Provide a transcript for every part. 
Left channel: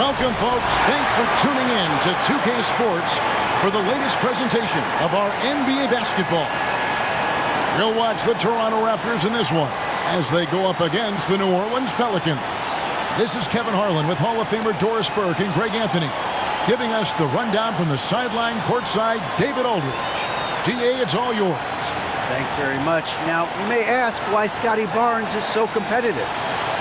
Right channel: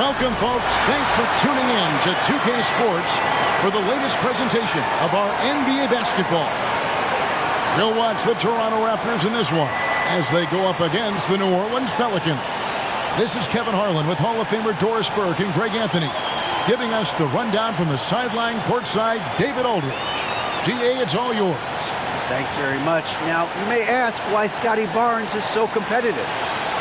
Welcome, folks. Thanks for tuning in to 2K Sports for the latest presentation of our NBA basketball. We'll watch the Toronto Raptors in this one as they go up against the New Orleans Pelicans. This is Kevin Harlan with Hall of Famer Doris Burke and Greg Anthony, giving us the rundown from the sideline courtside, David Aldridge. GA, it's all yours. Thanks very much. Now, you may ask why Scotty Barnes is so competitive.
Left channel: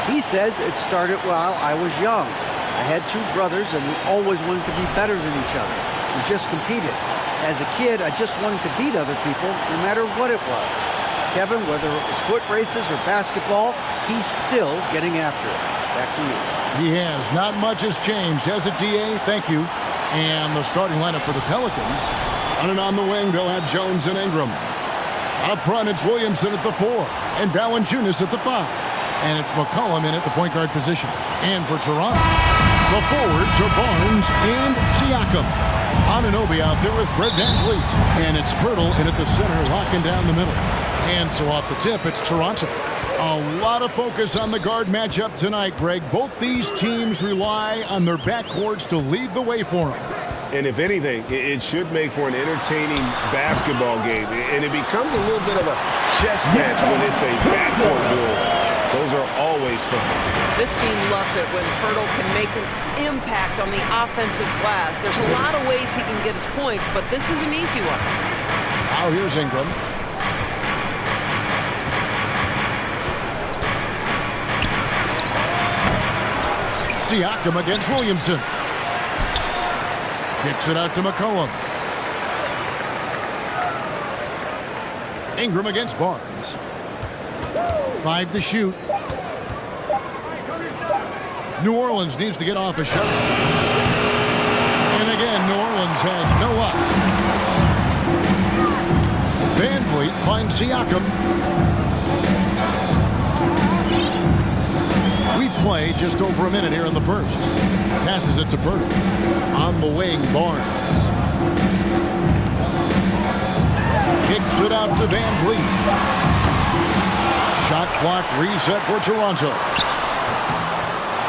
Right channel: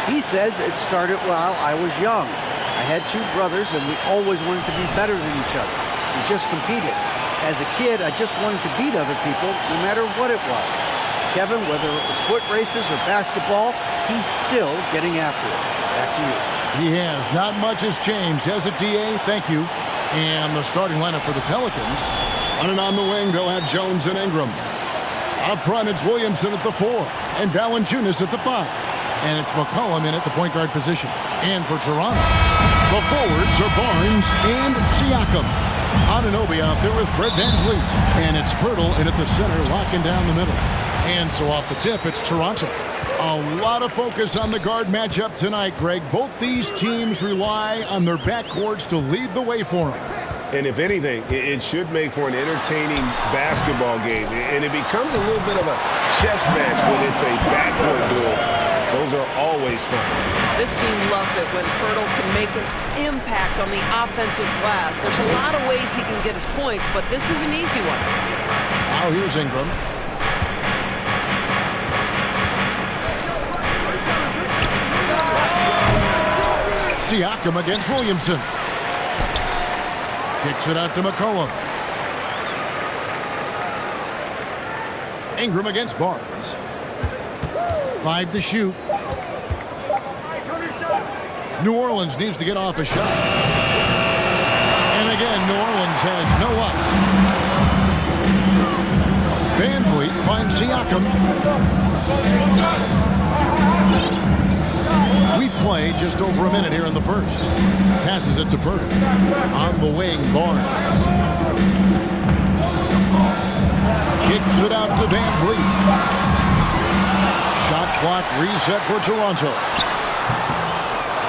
He says it started while I was young. I had two brothers, and we always wanted to be better than each other. We just competed. As a kid, I just wanted to beat other people, no matter what it was. Kevin, whether it was foot races or basketball, he's still getting after it. Back to you. He has. Not much has changed, has it, DA? Thank you. And the starting lineup for the Pelicans. Running on the wing, they'll have Jones and Ingram. Up front, it's Williamson at the 4, and Valanciunas at the 5. And it's McCollum in at the point guard position. And for Toronto, the forwards are Barnes and Siakam. Anunoby out there with Fred VanVleet. And it's Pirtle in at the center, locking down the middle. And so off the tip, it's Toronto. A lot of focus on the guard matchup tonight, Greg. Both these teams rely on their backcourts to lead the way for them. And if anything, it should make for an entertaining basketball game. And it becomes a little bit of a chess match when it's a backcourt duel. Those are always fun. This team loves it when Pirtle can make an impact on the offensive glass. There's a lot of ways he can get his points, but this is an easy one. Now here's Ingram. Siakam against Williamson. Kicks it out to McCollum. Ingram against Barnes. 5 to shoot. New Orleans needs to get off a shot. And again, New Orleans has no luck. VanVleet finds Siakam. We play just over a minute here in the first. Passes it to Pirtle. On the wing, Barnes. Kicks it out to VanVleet. Shot clock reset for Toronto.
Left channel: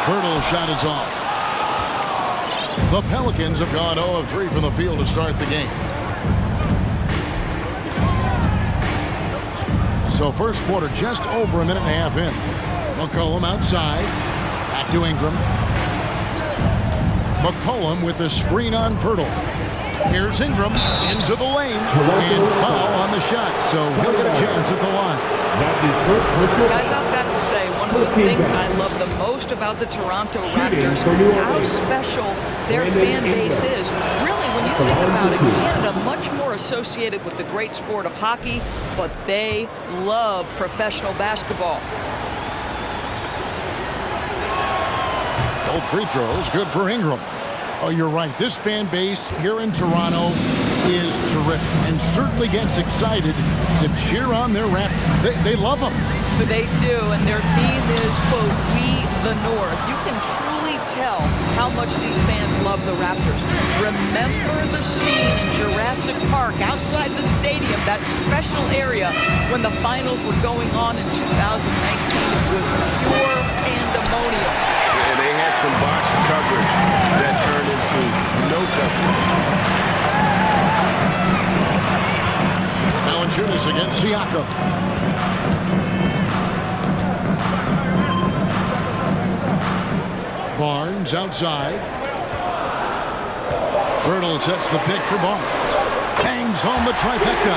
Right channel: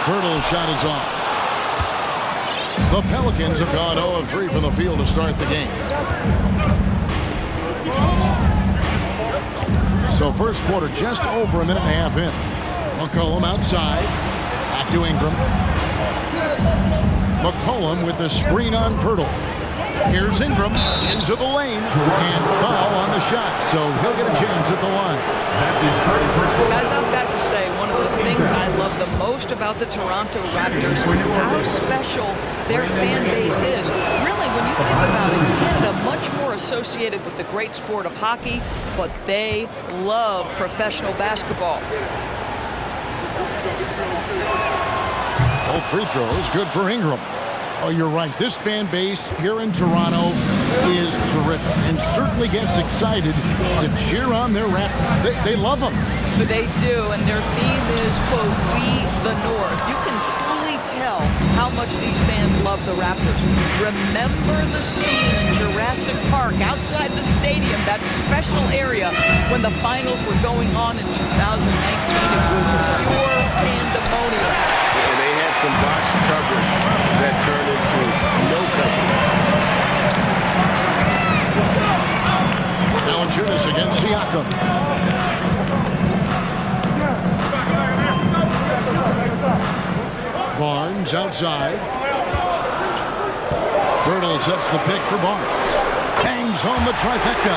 Pirtle's shot is off. The Pelicans have gone 0 of 3 from the field to start the game. So first quarter just over a minute and a half in. McCollum outside. Back to Ingram. McCollum with the screen on Pirtle. Here's Ingram into the lane and foul on the shot, so he'll get a chance at the line. Guys, I've got to say, one of the things I love the most about the Toronto Raptors, how special their fan base is. Really, when you think about it, Canada much more associated with the great sport of hockey, but they love professional basketball. Both free throws, good for Ingram. Oh, you're right. This fan base here in Toronto is terrific and certainly gets excited to cheer on their Raptors. They love them. They do, and their theme is, quote, "We the North." You can truly tell how much these fans love the Raptors. Remember the scene in Jurassic Park outside the stadium, that special area when the finals were going on in 2019. It was pure pandemonium. And they had some botched coverage that turned into no coverage. Valanciunas against Siakam. Barnes outside. Pirtle sets the pick for Barnes. Hangs home the trifecta.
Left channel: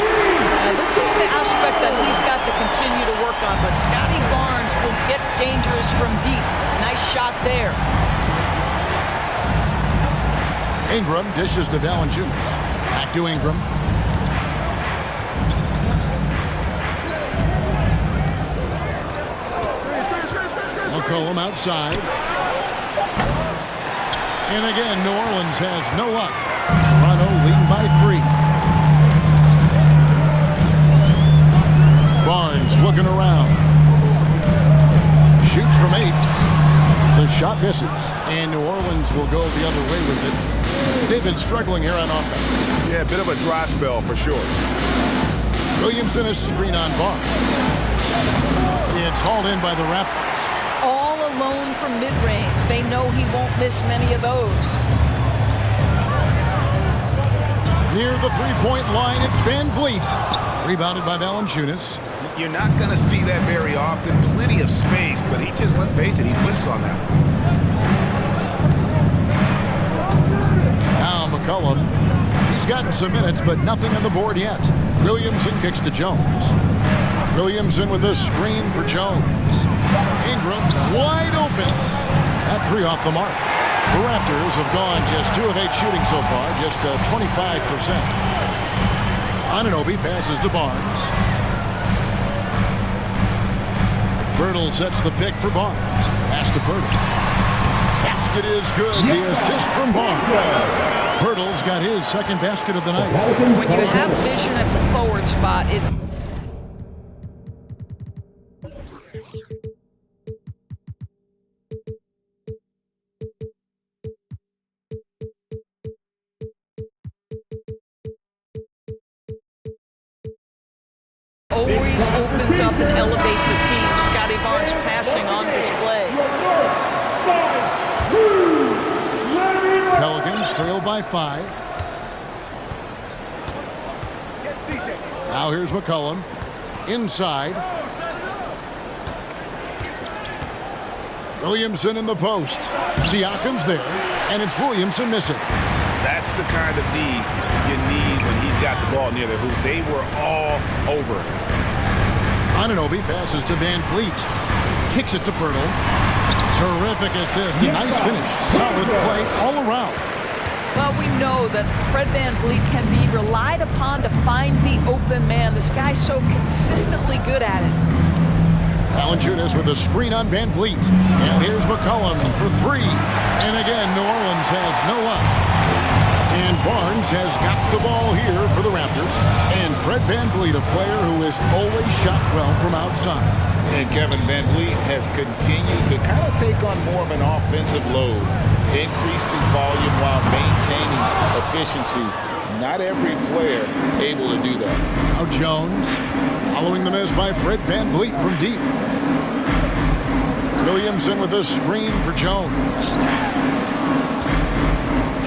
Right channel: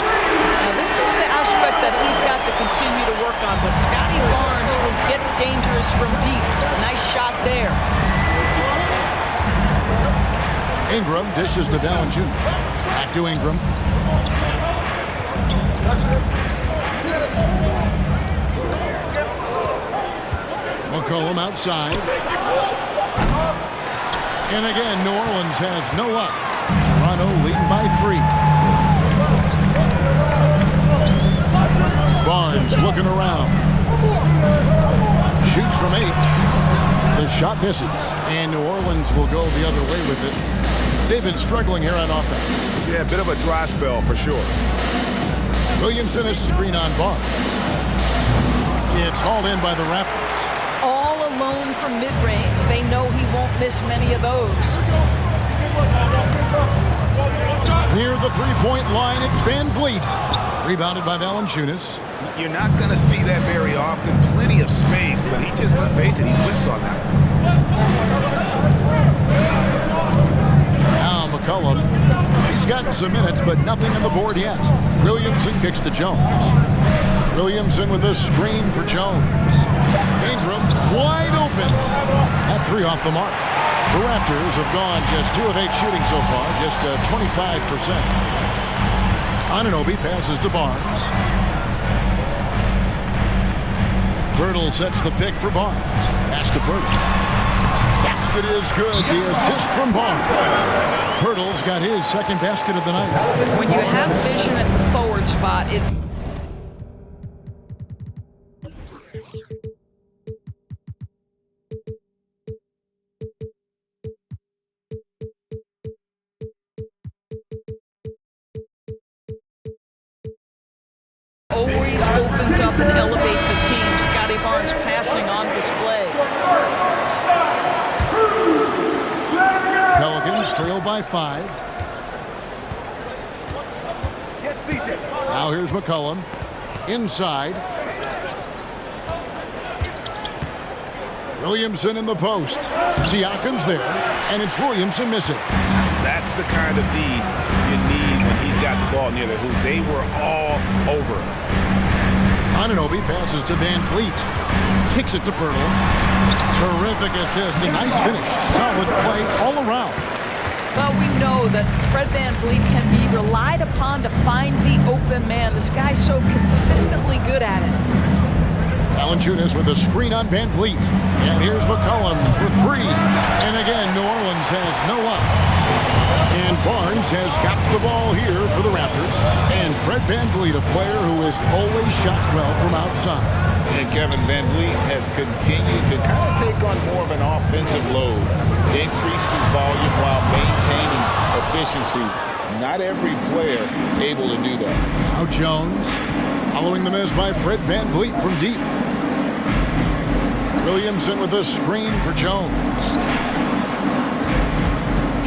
Now, this is the aspect that he's got to continue to work on, but Scotty Barnes will get dangerous from deep. Nice shot there. Ingram dishes to Valanciunas. Back to Ingram. McCollum outside. And again, New Orleans has no luck. Toronto leading by 3. Barnes looking around. Shoots from 8. The shot misses. And New Orleans will go the other way with it. They've been struggling here on offense. Yeah, a bit of a dry spell for sure. Williamson a screen on Barnes. It's hauled in by the Raptors. All alone from mid-range. They know he won't miss many of those. Near the three-point line, it's Van Vliet. Rebounded by Valanciunas. You're not going to see that very often. Plenty of space, but he just, let's face it, he whiffs on that one. Now McCollum. He's gotten some minutes, but nothing on the board yet. Williamson kicks to Jones. Williamson with a screen for Jones. Ingram wide open. That three off the mark. The Raptors have gone just 2 of 8 shooting so far, just 25%. Anunoby passes to Barnes. Pirtle sets the pick for Barnes. Pass to Pirtle. Basket is good. The assist from Barnes. Pirtle's got his second basket of the night. When you have vision at the forward spot, it always opens up and elevates a team. Scotty Barnes passing on display. Pelicans trail by 5. Now here's McCollum. Inside. Williamson in the post. Siakam's there, and it's Williamson missing. That's the kind of D you need when he's got the ball near the hoop. They were all over it. Anunoby passes to Van Vliet. Kicks it to Pirtle. Terrific assist. A nice finish. Solid play all around. Well, we know that Fred Van Vliet can be relied upon to find the open man. This guy's so consistently good at it. Valanciunas with a screen on Van Vliet. And here's McCollum for 3. And again, New Orleans has no luck. And Barnes has got the ball here for the Raptors. And Fred Van Vliet, a player who has always shot well from outside. And Kevin Van Vliet has continued to kind of take on more of an offensive load. Increased his volume while maintaining efficiency. Not every player able to do that. Now Jones, following the miss by Fred Van Vliet from deep. Williamson with a screen for Jones.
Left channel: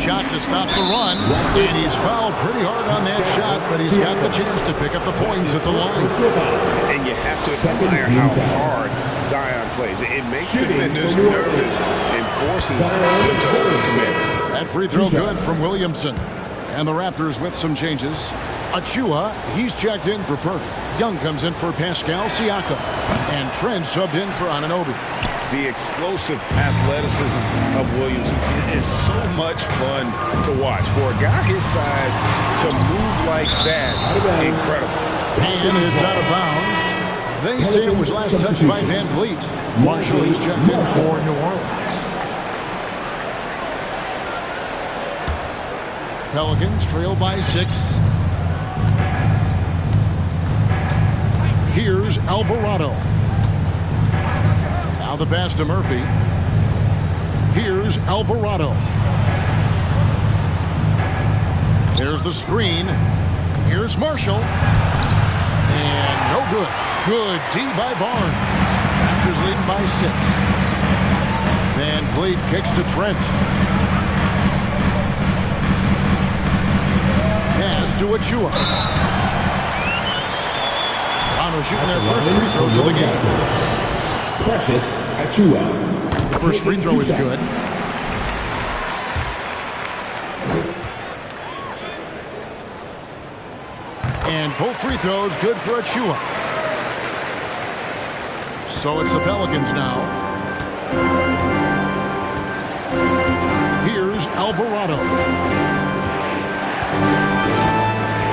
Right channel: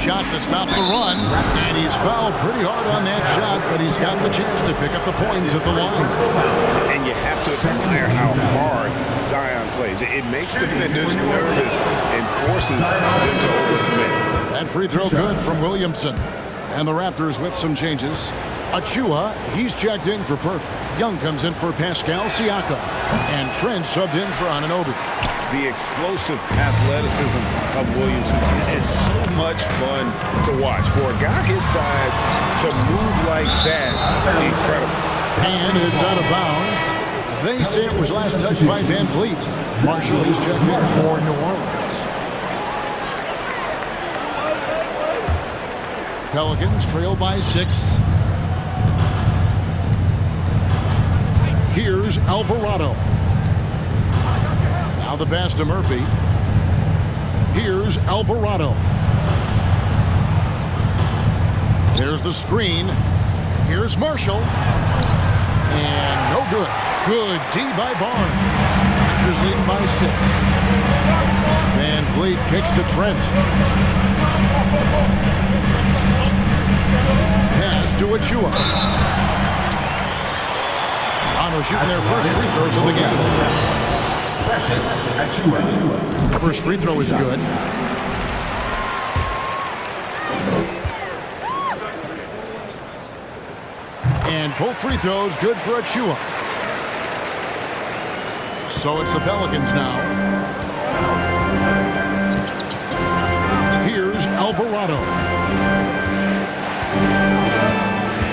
Shot to stop the run, and he's fouled pretty hard on that shot, but he's got the chance to pick up the points at the line. And you have to admire how hard Zion plays. It makes defenders nervous and forces them to overcommit. That free throw good from Williamson. And the Raptors with some changes. Achua, he's checked in for Pirtle. Young comes in for Pascal Siakam. And Trent subbed in for Anunoby. The explosive athleticism of Williamson is so much fun to watch. For a guy his size to move like that, incredible. And it's out of bounds. They say it was last touched by Van Vliet. Marshall, he's checked in for New Orleans. Pelicans trail by 6. Here's Alvarado. Now the pass to Murphy. Here's Alvarado. There's the screen. Here's Marshall. And no good. Good D by Barnes. Raptors leading by 6. Van Vliet kicks to Trent. Pass to Achua. Toronto shooting their first free throws of the game. The first free throw is good. And both free throws good for Achua. So it's the Pelicans now. Here's Alvarado.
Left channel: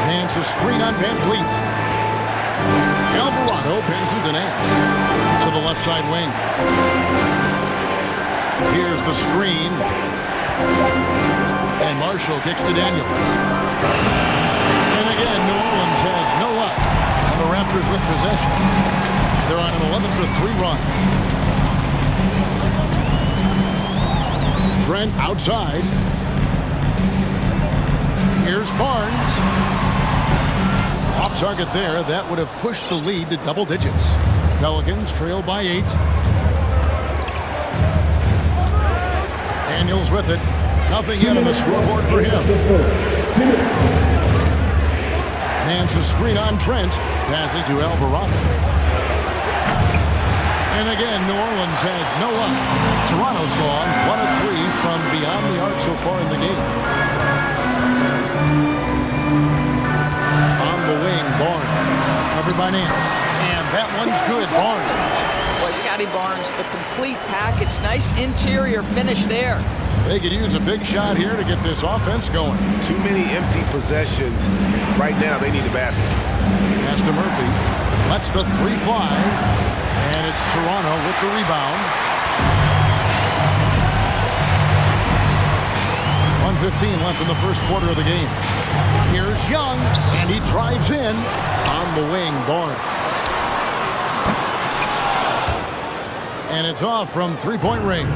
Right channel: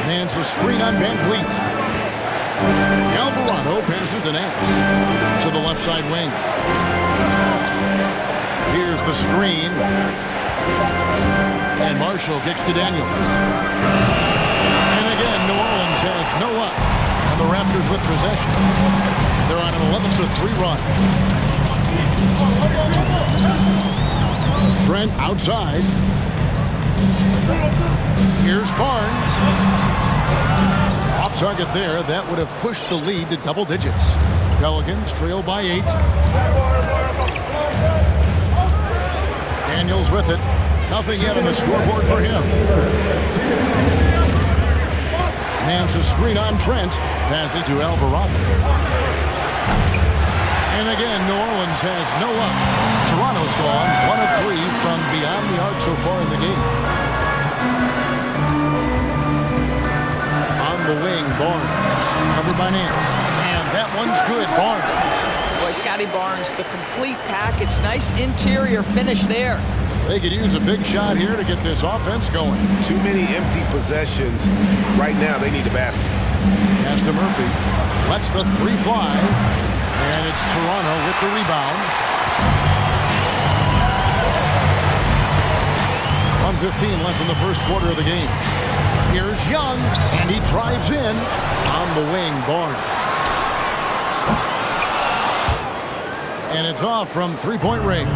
Nance a screen on Van Vliet. Alvarado passes to Nance. To the left side wing. Here's the screen. And Marshall kicks to Daniels. And again, New Orleans has no luck. And the Raptors with possession. They're on an 11-3 run. Trent outside. Here's Barnes. Off target there. That would have pushed the lead to double digits. Pelicans trail by 8. Daniels with it. Nothing yet on the scoreboard for him. Nance a screen on Trent. Passes to Alvarado. And again, New Orleans has no luck. Toronto's gone 1 of 3 from beyond the arc so far in the game. On the wing, Barnes. Covered by Nance. And that one's good, Barnes. Boy, Scotty Barnes, the complete package. Nice interior finish there. They could use a big shot here to get this offense going. Too many empty possessions. Right now, they need a basket. Pass to Murphy. Lets the 3 fly. And it's Toronto with the rebound. 1:15 left in the first quarter of the game. Here's Young, and he drives in. On the wing, Barnes. And it's off from three-point range.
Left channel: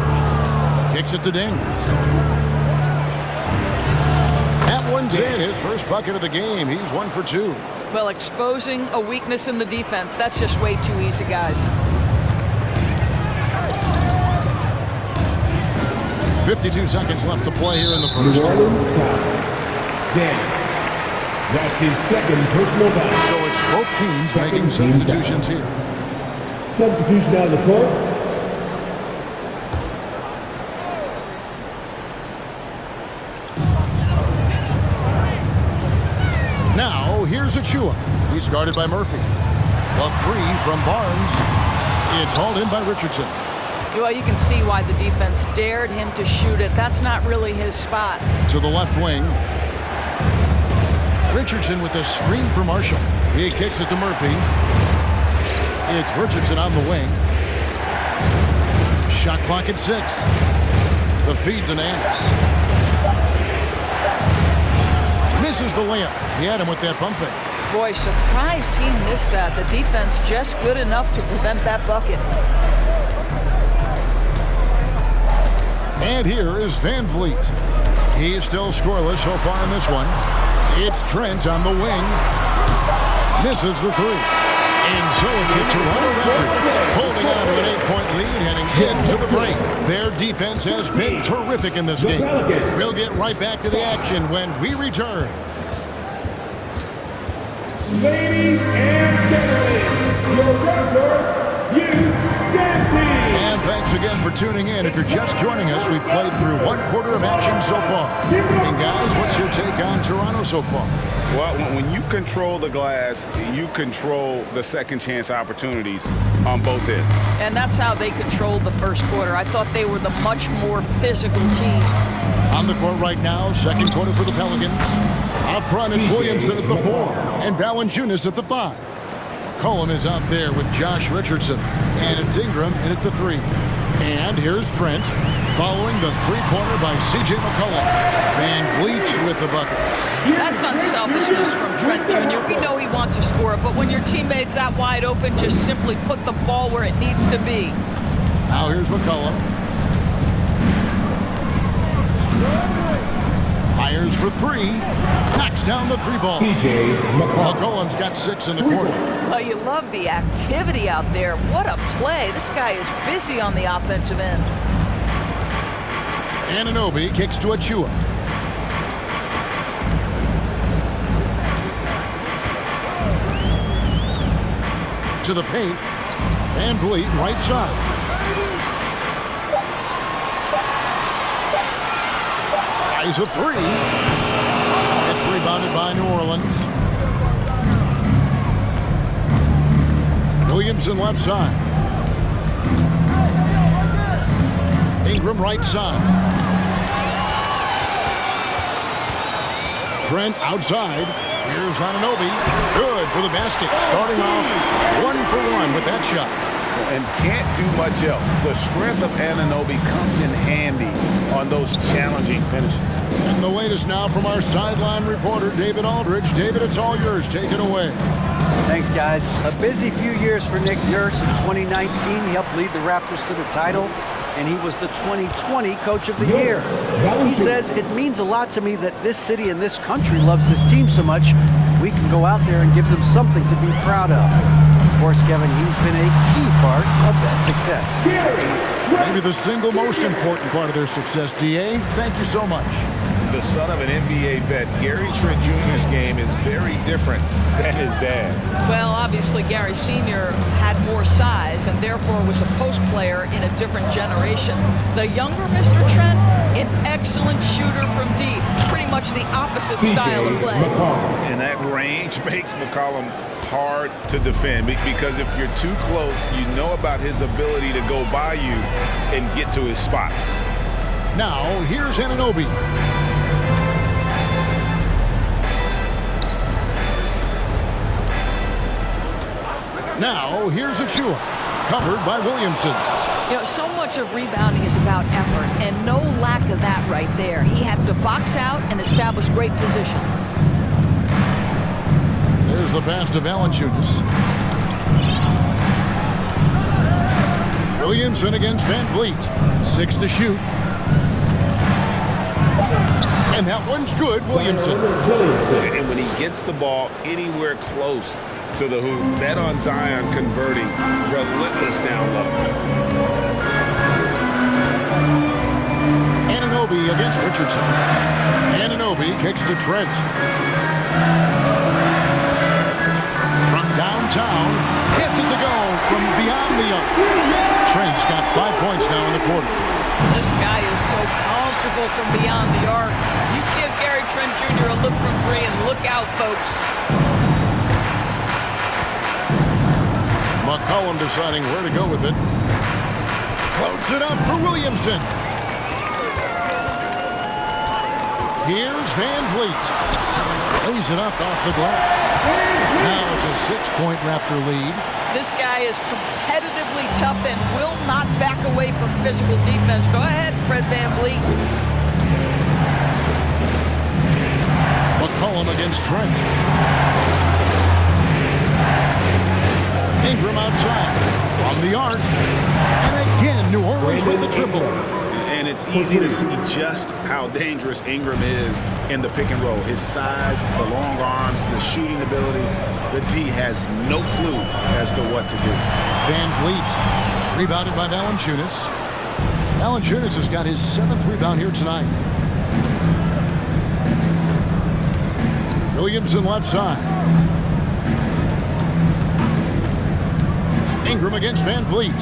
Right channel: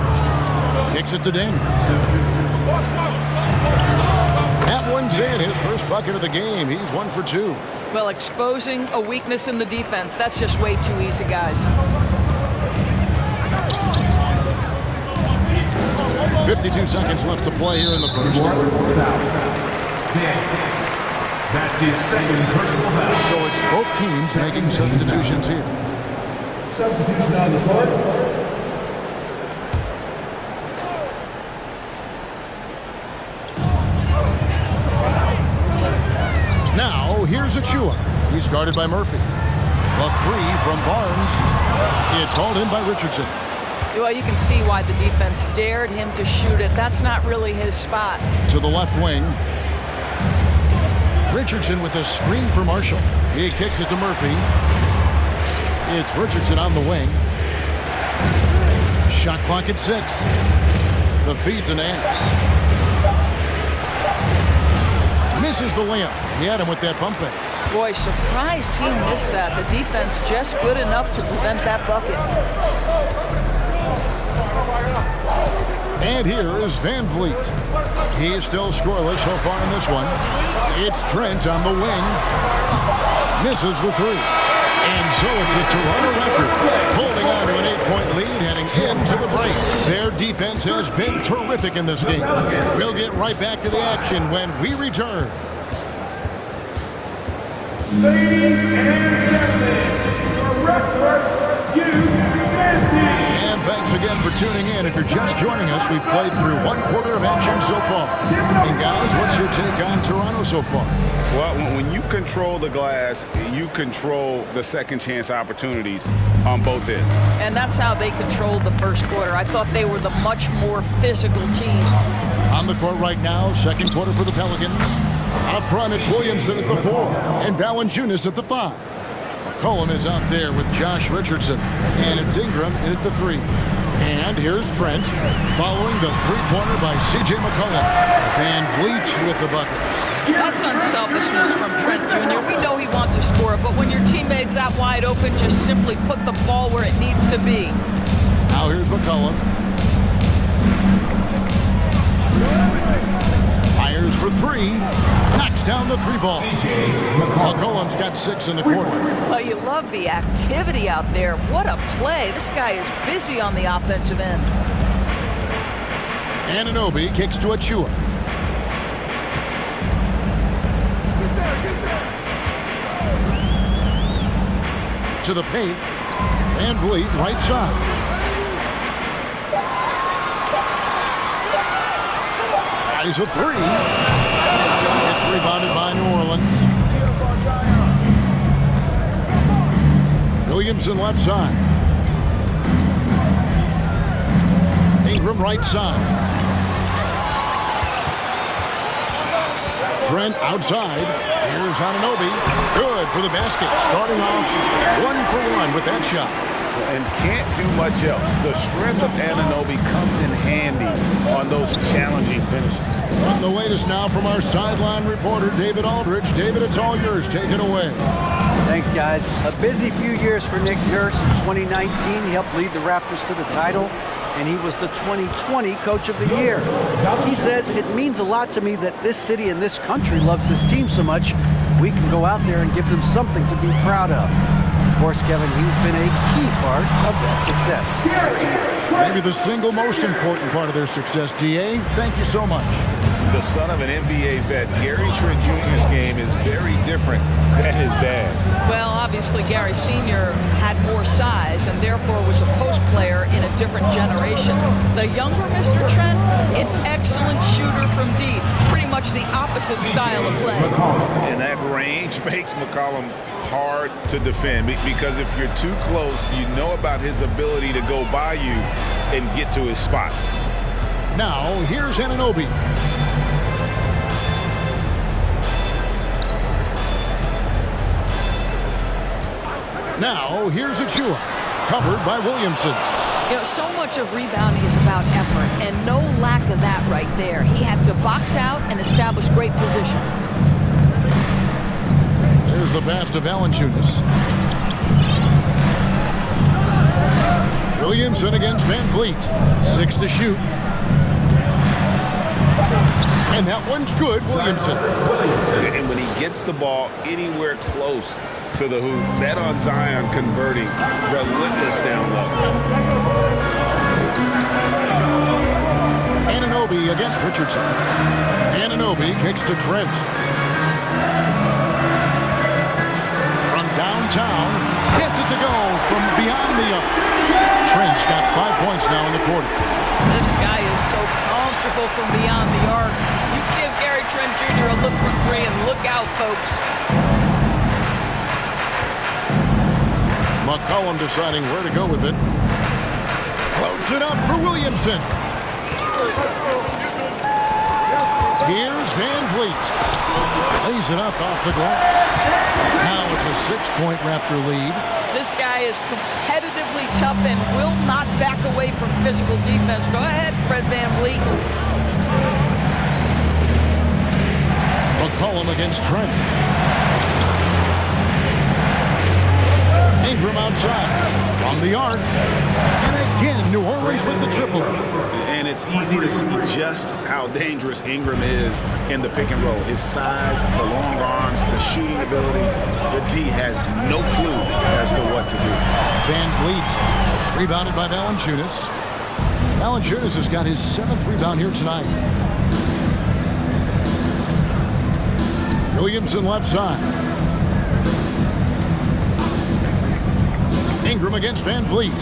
Kicks it to Daniels. That one's in. His first bucket of the game. He's 1 for 2. Well, exposing a weakness in the defense, that's just way too easy, guys. 52 seconds left to play here in the first. That's his second personal foul. So it's both teams making substitutions here. Substitution on the court. Now, here's Achua. He's guarded by Murphy. The 3 from Barnes. It's hauled in by Richardson. Well, you can see why the defense dared him to shoot it. That's not really his spot. To the left wing. Richardson with a screen for Marshall. He kicks it to Murphy. It's Richardson on the wing. Shot clock at 6. The feed to Nance. Misses the layup. He had him with that pump fake. Boy, surprised he missed that. The defense just good enough to prevent that bucket. And here is Van Vliet. He's still scoreless so far in this one. It's Trent on the wing. Misses the 3. And so it's the Toronto Raptors holding on to an 8-point lead heading into the break. Their defense has been terrific in this game. We'll get right back to the action when we return. Ladies and gentlemen, your Raptors Youth Dance Team. And thanks again for tuning in. If you're just joining us, we've played through 1 quarter of action so far. And guys, what's your take on Toronto so far? Well, when you control the glass, you control the second chance opportunities on both ends. And that's how they controlled the first quarter. I thought they were the much more physical team. On the court right now, second quarter for the Pelicans. Up front, it's Williamson at the 4 and Valanciunas at the 5. McCollum is out there with Josh Richardson, and it's Ingram in at the 3. And here's Trent, following the 3-pointer by J McCollum. Van Vliet with the bucket. That's unselfishness from Trent Jr. We know he wants to score it, but when your teammate's that wide open, just simply put the ball where it needs to be. Now here's McCollum. Fires for 3. Knocks down the 3 ball. McCollum's got 6 in the quarter. Well, you love the activity out there. What a play. This guy is busy on the offensive end. Anunoby kicks to Achua. To the paint. Van Vliet right side. Tries a 3. It's rebounded by New Orleans. Williamson left side. Ingram right side. Trent outside. Here's Anunoby. Good for the basket. Starting off 1 for 1 with that shot. And can't do much else. The strength of Anunoby comes in handy on those challenging finishes. And the latest now from our sideline reporter, David Aldridge. David, it's all yours. Take it away. Thanks, guys. A busy few years for Nick Nurse. In 2019, he helped lead the Raptors to the title, and he was the 2020 Coach of the Year. He says, it means a lot to me that this city and this country loves this team so much. We can go out there and give them something to be proud of. course, Kevin, he's been a key part of that success. Back to you. Maybe the single most important part of their success, DA. Thank you so much. The son of an NBA vet, Gary Trent Jr.'s game is very different than his dad's. Well, obviously, Gary Sr. had more size and therefore was a post player in a different generation. The younger Mr. Trent, an excellent shooter from deep. Pretty much the opposite style of play. And that range makes McCollum hard to defend because if you're too close, you know about his ability to go by you and get to his spots. Now, here's Anunoby. Now, here's Achua, covered by Williamson. You know, so much of rebounding is about effort, and no lack of that right there. He had to box out and establish great position. There's the pass to Valanciunas. Williamson against Van Vliet. 6 to shoot. And that one's good, Williamson. And when he gets the ball anywhere close to the hoop, bet on Zion converting, relentless down low. Anunoby against Richardson. Anunoby kicks to Trent. From downtown, gets it to go from beyond the arc. Trent's got 5 points now in the quarter. This guy is so comfortable from beyond the arc. You give Gary Trent Jr. a look from 3 and look out, folks. McCollum deciding where to go with it. Floats it up for Williamson. Here's Van Vliet. Plays it up off the glass. Now it's a 6-point Raptor lead. This guy is competitively tough and will not back away from physical defense. Go ahead, Fred VanVleet. McCollum against Trent. Ingram outside from the arc. And again, New Orleans with the triple. And it's easy to see just how dangerous Ingram is in the pick and roll. His size, the long arms, the shooting ability. The D has no clue as to what to do. Van Vliet, rebounded by Valanciunas. Valanciunas has got his 7th rebound here tonight. Williamson left side. Ingram against Van Vliet.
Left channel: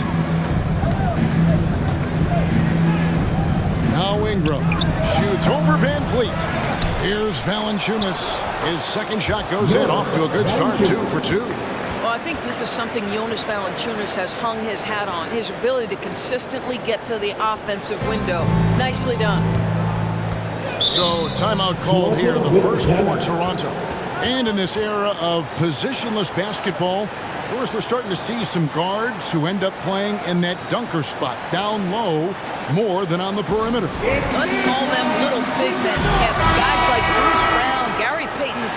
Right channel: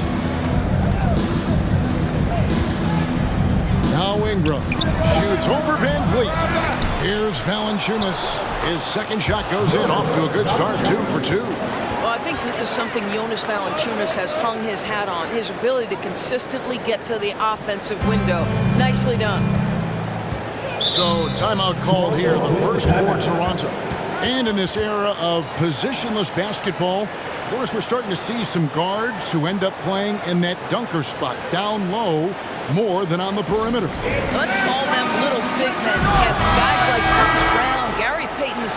Now Ingram shoots over Van Vliet. Here's Valanciunas. His second shot goes in. Off to a good start, 2 for 2. Well, I think this is something Jonas Valanciunas has hung his hat on. His ability to consistently get to the offensive window. Nicely done. So, timeout called here, the first for Toronto. And in this era of positionless basketball, of course, we're starting to see some guards who end up playing in that dunker spot, down low, more than on the perimeter. Let's call them little big men, Kevin. Guys like Bruce Brown, Gary Payton II.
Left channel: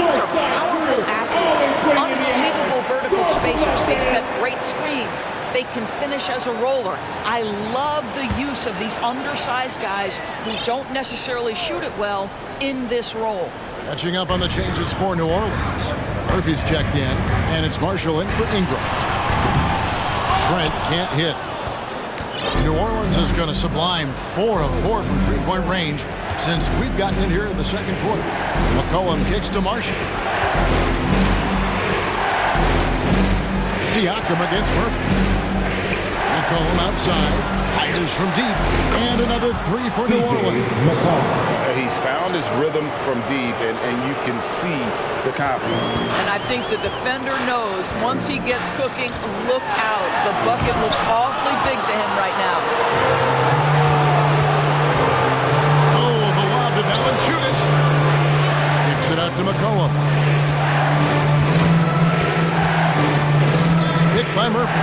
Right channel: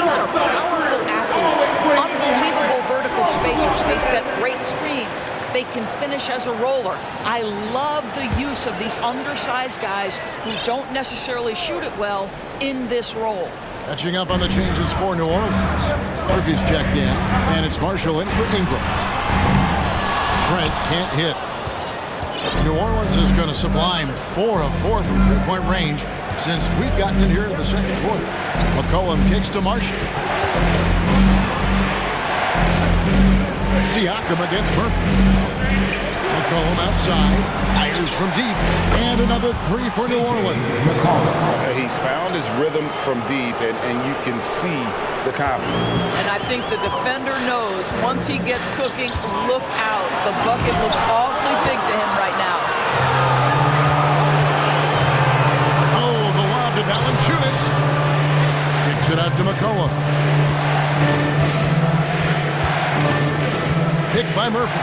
These are powerful athletes, unbelievable vertical spacers. They set great screens. They can finish as a roller. I love the use of these undersized guys who don't necessarily shoot it well in this role. Catching up on the changes for New Orleans. Murphy's checked in, and it's Marshall in for Ingram. Trent can't hit. New Orleans is going to sublime 4 of 4 from 3-point range since we've gotten in here in the second quarter. McCollum kicks to Marshall. Siakam against Murphy. McCollum outside, fires from deep, and another 3 for New Orleans. He's found his rhythm from deep, and you can see the confidence. And I think the defender knows once he gets cooking, look out. The bucket looks awfully big to him right now. Oh, the lob to Valanciunas. Kicks it out to McCollum. Picked by Murphy.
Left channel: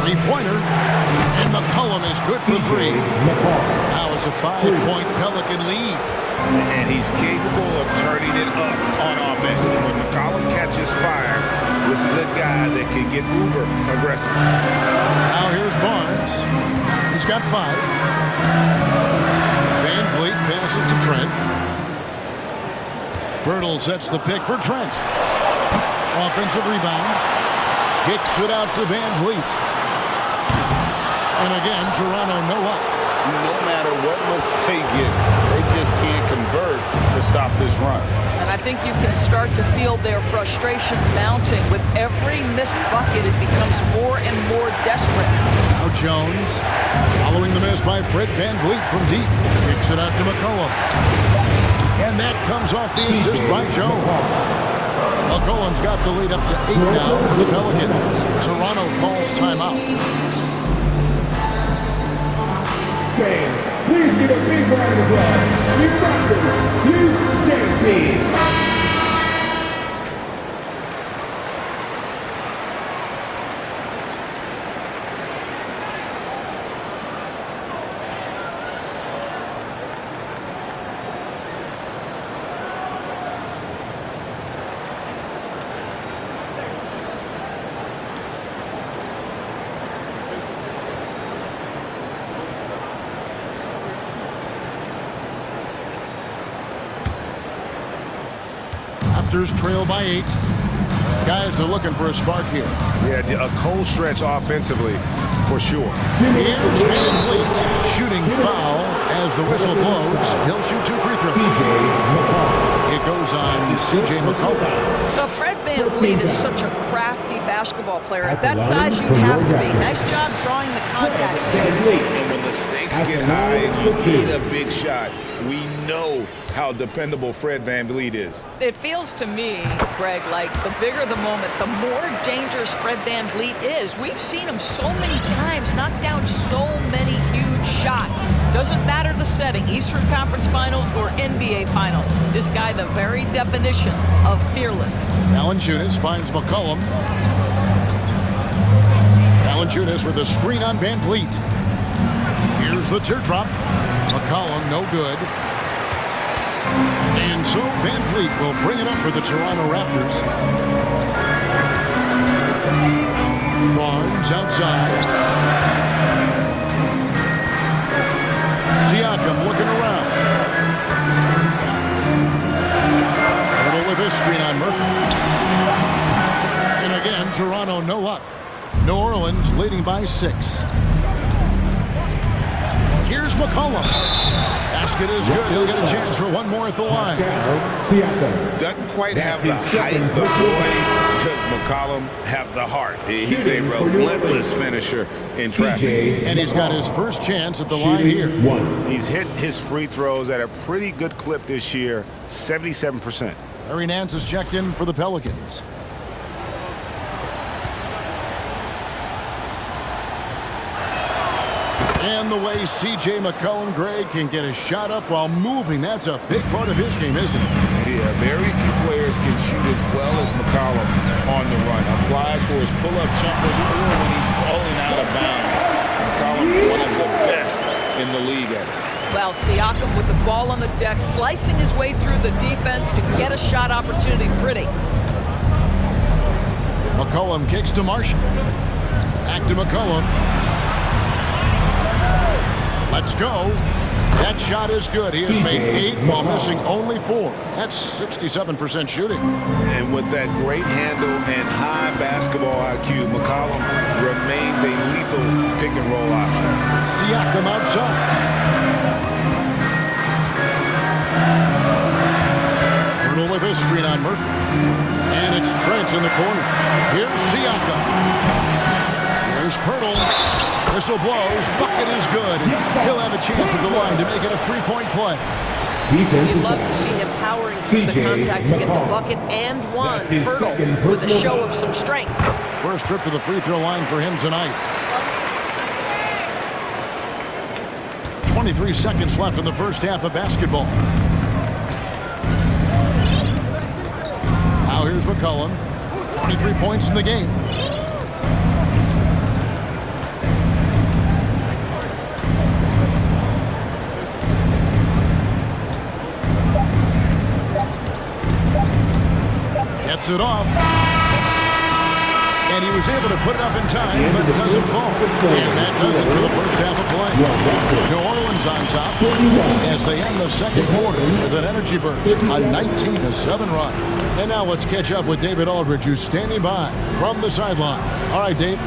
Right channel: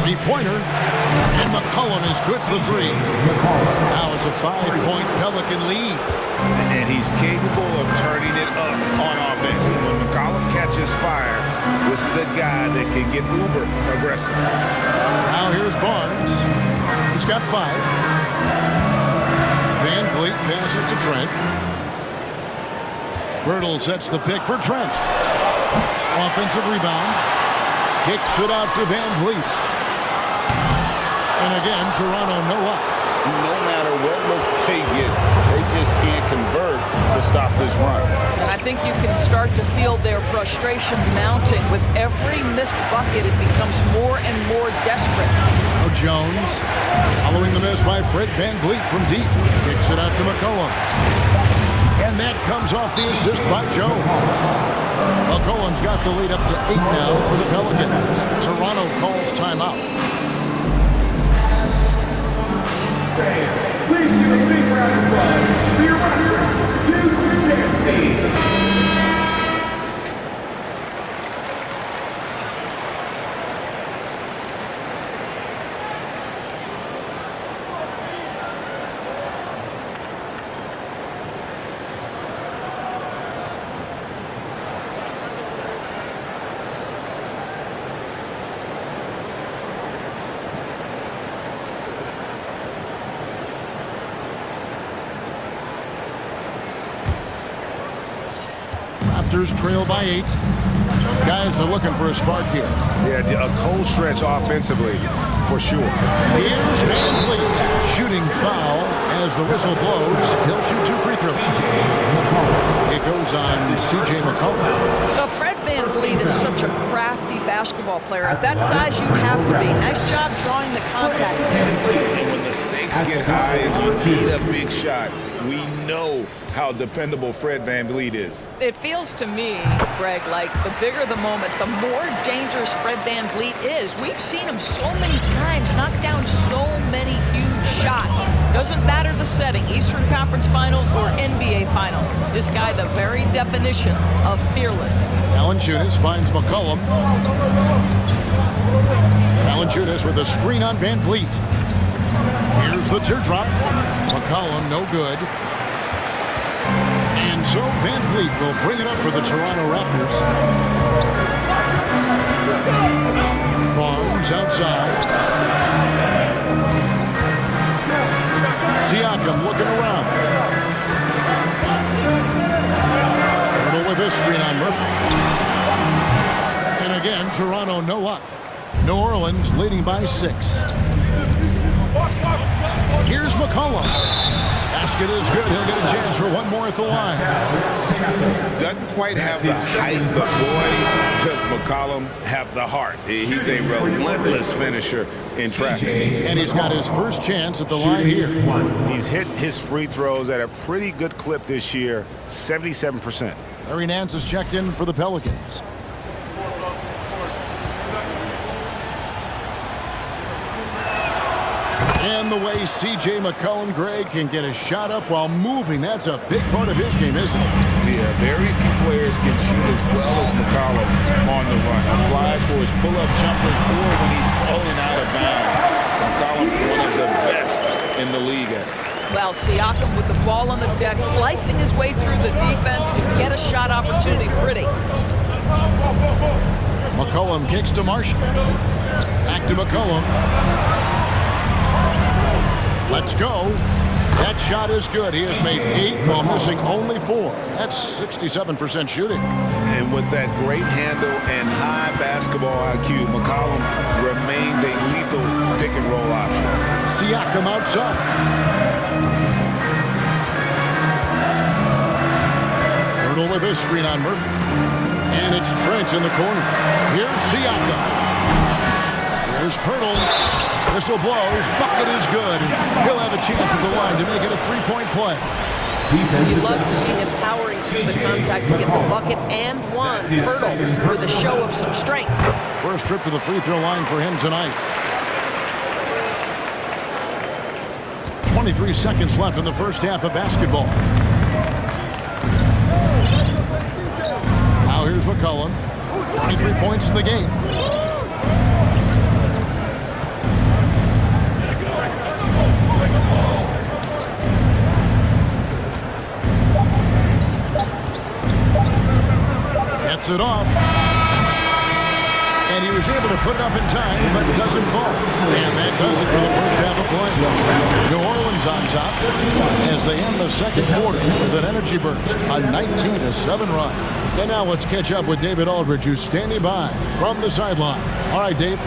3-pointer. And McCollum is good for 3. Now it's a 5-point Pelican lead. And he's capable of turning it up on offense. And when McCollum catches fire, this is a guy that can get uber aggressive. Now here's Barnes. He's got 5. Van Vliet passes to Trent. Birtle sets the pick for Trent. Offensive rebound. Kicks it out to Van Vliet. And again, Toronto no luck. No matter what looks they get, they just can't convert to stop this run. And I think you can start to feel their frustration mounting. With every missed bucket, it becomes more and more desperate. Now Jones, following the miss by Fred Van Vliet from deep. Kicks it out to McCollum. And that comes off the assist by Jones. McCollum's got the lead up to 8 now for the Pelicans. Toronto calls timeout. Fans, please give a big round of applause to your Raptors Youth Dance Team. Raptors trail by 8. Guys are looking for a spark here. Yeah, a cold stretch offensively, for sure. Here's Van Vliet shooting foul as the whistle blows. He'll shoot 2 free throws. It goes on C.J. McCollum. Now, Fred Van Vliet is such a crafty basketball player. At that size, you have to be. Nice job drawing the contact there. And when the stakes get high and you need a big shot, we know how dependable Fred Van Vliet is. It feels to me, Greg, like the bigger the moment, the more dangerous Fred Van Vliet is. We've seen him so many times knock down so many huge shots. Doesn't matter the setting, Eastern Conference Finals or NBA Finals. This guy, the very definition of fearless. Valanciunas finds McCollum. Valanciunas with a screen on Van Vliet. Here's the teardrop. McCollum no good. And so Van Vliet will bring it up for the Toronto Raptors. Barnes outside. Siakam looking around. Little with this screen on Murphy. And again, Toronto no luck. New Orleans leading by 6. Here's McCollum. Basket is good. He'll get a chance for one more at the line. Doesn't quite have the height, but boy, does McCollum have the heart. He's a relentless finisher in traffic. And he's got his first chance at the line here. He's hit his free throws at a pretty good clip this year, 77%. Larry Nance is checked in for the Pelicans. And the way C.J. McCollum, Greg, can get a shot up while moving, that's a big part of his game, isn't it? Yeah, very few players can shoot as well as McCollum on the run. Applies for his pull-up jumpers or when he's falling out of bounds. McCollum, one of the best in the league at it. Well, Siakam with the ball on the deck, slicing his way through the defense to get a shot opportunity. Pretty. McCollum kicks to Marshall. Back to McCollum. Let's go. That shot is good. He has made 8 while missing only 4. That's 67% shooting. And with that great handle and high basketball IQ, McCollum remains a lethal pick-and-roll option. Siakam outside. Hurdle with his screen on Murphy. And it's Trent in the corner. Here's Siakam. Here's Pirtle. Whistle blows. Bucket is good. And he'll have a chance at the line to make it a 3-point play. You love to see him powering through the contact to get the bucket and one. Pirtle with a show of some strength. First trip to the free throw line for him tonight. 23 seconds left in the first half of basketball. Now here's McCollum. 23 points in the game. Gets it off. And he was able to put it up in time, but doesn't fall. And that does it for the first half of play. New Orleans on top as they end the second quarter with an energy burst, a 19-7 run. And now let's catch up with David Aldridge, who's standing by from the sideline. All right, Dave.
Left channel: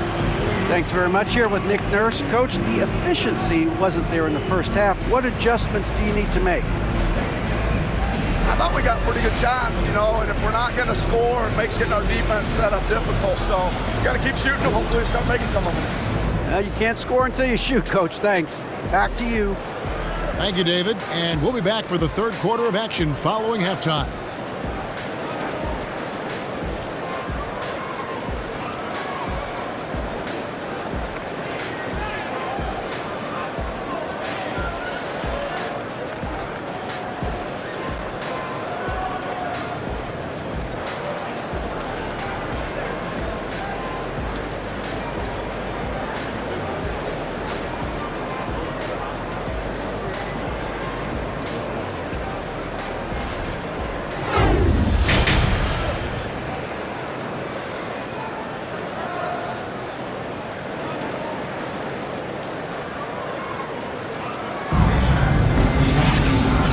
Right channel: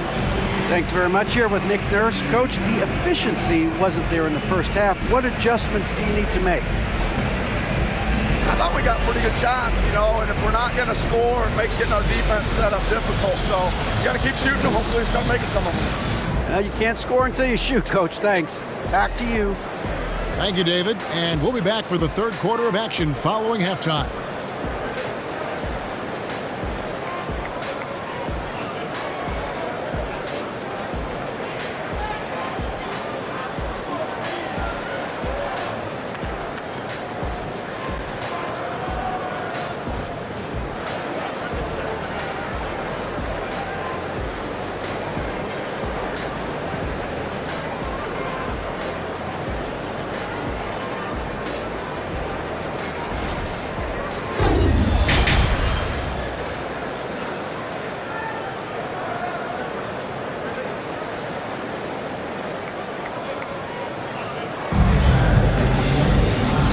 Thanks very much. Here with Nick Nurse. Coach, the efficiency wasn't there in the first half. What adjustments do you need to make? I thought we got pretty good shots, and if we're not going to score, it makes getting our defense set up difficult. So you got to keep shooting and hopefully start making some of them. You can't score until you shoot, Coach. Thanks. Back to you. Thank you, David. And we'll be back for the third quarter of action following halftime.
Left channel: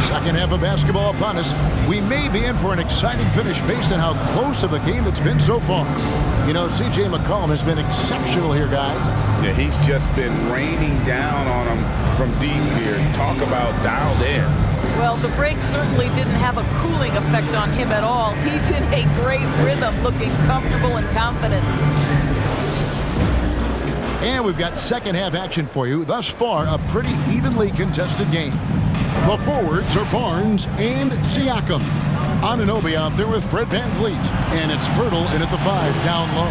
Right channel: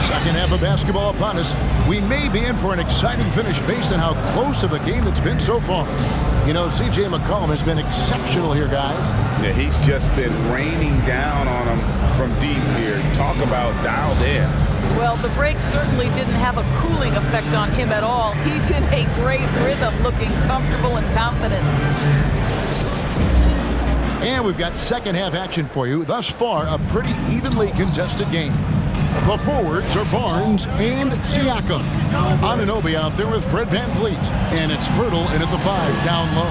Second half of basketball upon us. We may be in for an exciting finish based on how close of a game it's been so far. J McCollum has been exceptional here, guys. Yeah, he's just been raining down on them from deep here. Talk about dialed in. Well, the break certainly didn't have a cooling effect on him at all. He's in a great rhythm, looking comfortable and confident. And we've got second half action for you. Thus far, a pretty evenly contested game. The forwards are Barnes and Siakam. Anunoby out there with Fred VanVleet. And it's Pirtle in at the 5, down low.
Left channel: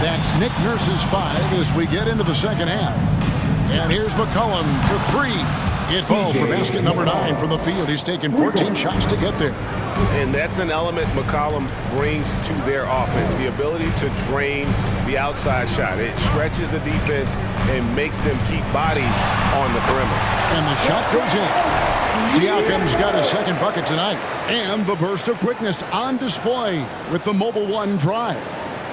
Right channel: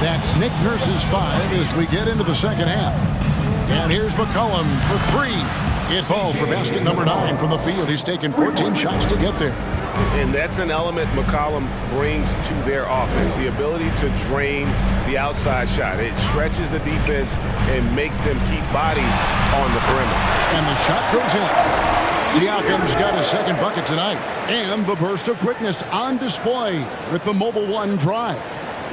That's Nick Nurse's 5 as we get into the second half. And here's McCollum for 3. It falls for basket number 9 from the field. He's taken 14 shots to get there. And that's an element McCollum brings to their offense, the ability to drain the outside shot. It stretches the defense and makes them keep bodies on the perimeter. And the shot goes in. Siakam's got his second bucket tonight. And the burst of quickness on display with the Mobile One drive.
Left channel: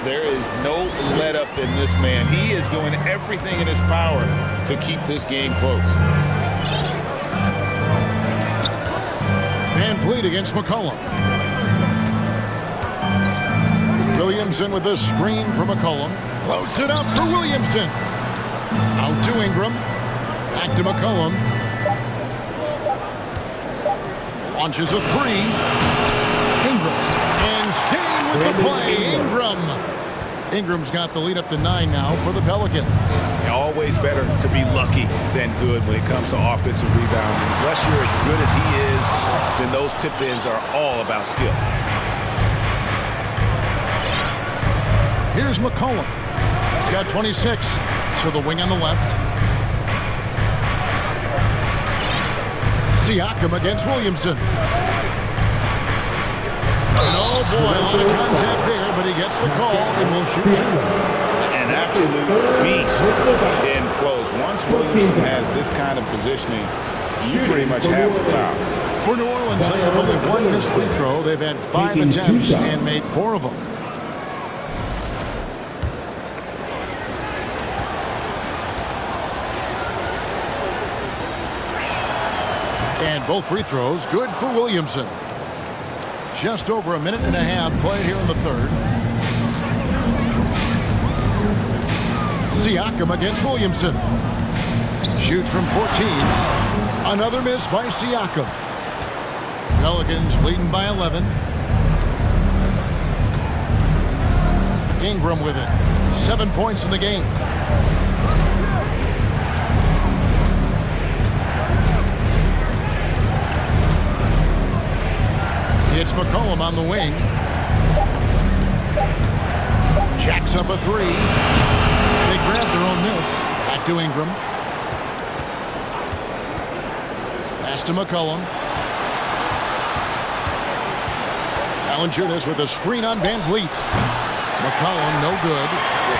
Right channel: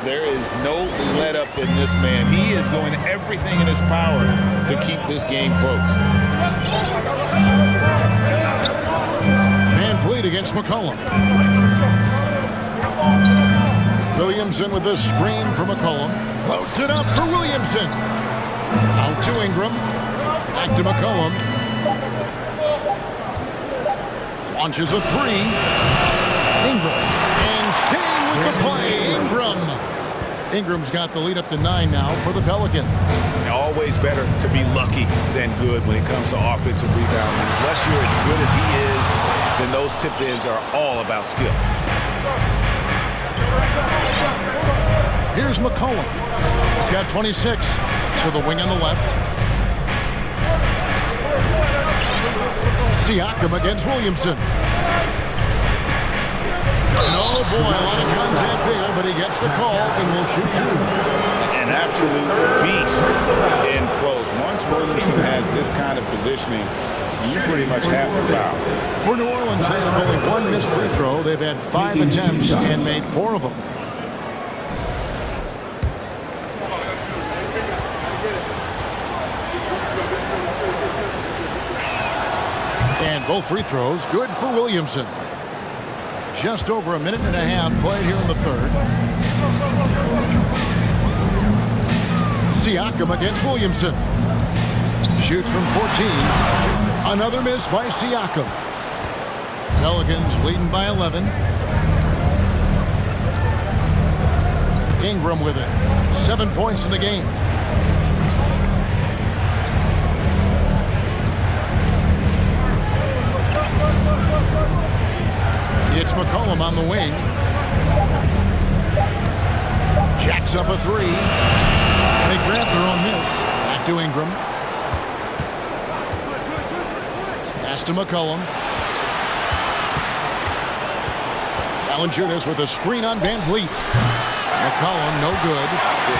There is no let up in this man. He is doing everything in his power to keep this game close. VanVleet against McCollum. Williamson with the screen for McCollum. Floats it up for Williamson. Out to Ingram. Back to McCollum. Launches a 3. Ingram. And staying with the play, Ingram. Ingram's got the lead up to 9 now for the Pelicans. Always better to be lucky than good when it comes to offensive rebounding. Unless you're as good as he is, then those tip-ins are all about skill. Here's McCollum. He's got 26 to the wing on the left. Siakam against Williamson. And oh boy, a lot of contact there, but he gets the call and will shoot 2. An absolute beast in close. Once Williamson has this kind of positioning, you pretty much have to foul. For New Orleans, they have only 1 missed free throw. They've had 5 attempts and made 4 of them. And both free throws good for Williamson. Just over a minute and a half played here in the third. Siakam against Williamson. Shoots from 14. Another miss by Siakam. Pelicans leading by 11. Ingram with it. 7 points in the game. It's McCollum on the wing. Jacks up a 3. They grab their own miss. Back to Ingram. Pass to McCollum. Valanciunas with a screen on VanVleet. McCollum no good.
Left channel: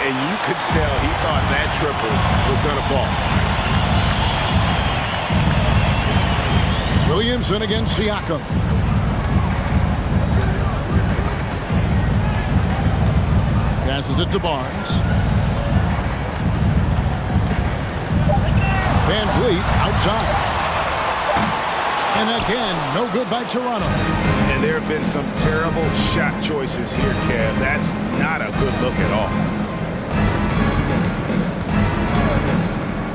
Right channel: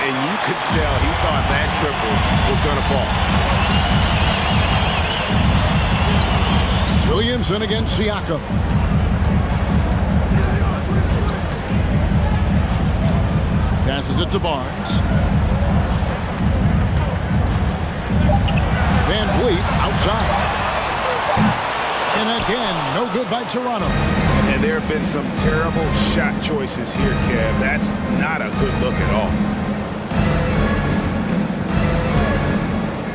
And you could tell he thought that triple was going to fall. Williamson against Siakam. Passes it to Barnes. VanVleet outside. And again, no good by Toronto. And there have been some terrible shot choices here, Kev. That's not a good look at all.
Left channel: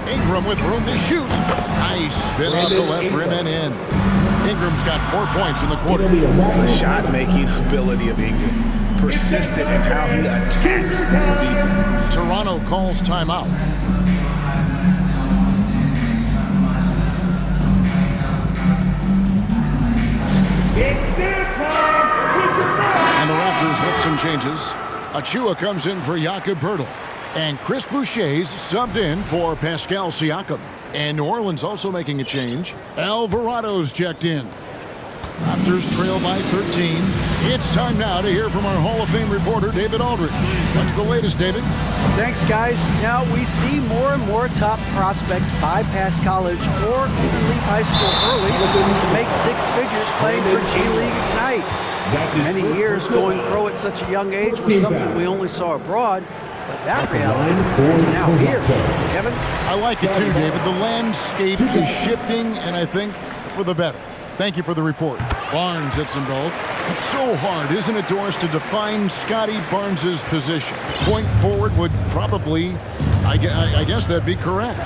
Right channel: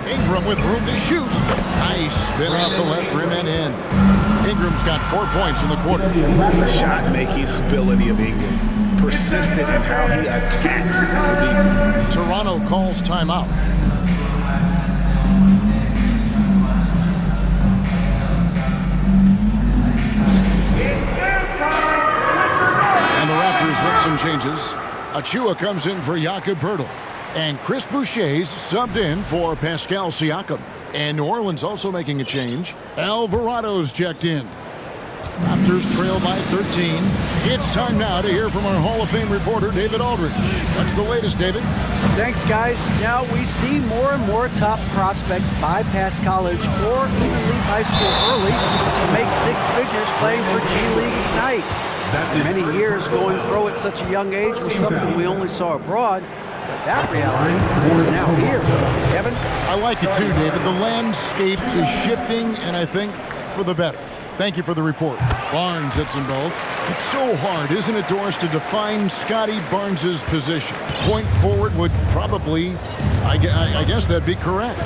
Ingram with room to shoot. Nice spin off the left rim and in. Ingram's got 4 points in the quarter. The shot-making ability of Ingram. Persistent in how he attacks the defense. Toronto calls timeout. And the Raptors with some changes. Achua comes in for Jakob Poeltl. And Chris Boucher's subbed in for Pascal Siakam. And New Orleans also making a change. Alvarado's checked in. Raptors trail by 13. It's time now to hear from our Hall of Fame reporter, David Aldridge. What's the latest, David? Thanks, guys. Now we see more and more top prospects bypass college or even leave high school early to make six figures playing for G League Ignite. For many years, going pro at such a young age was something we only saw abroad. But that reality is now here. Kevin? I like it too, David. The landscape is shifting, and I think for the better. Thank you for the report. Barnes hits them both. It's so hard, isn't it, Doris, to define Scotty Barnes' position? Point forward would probably, I guess that'd be correct.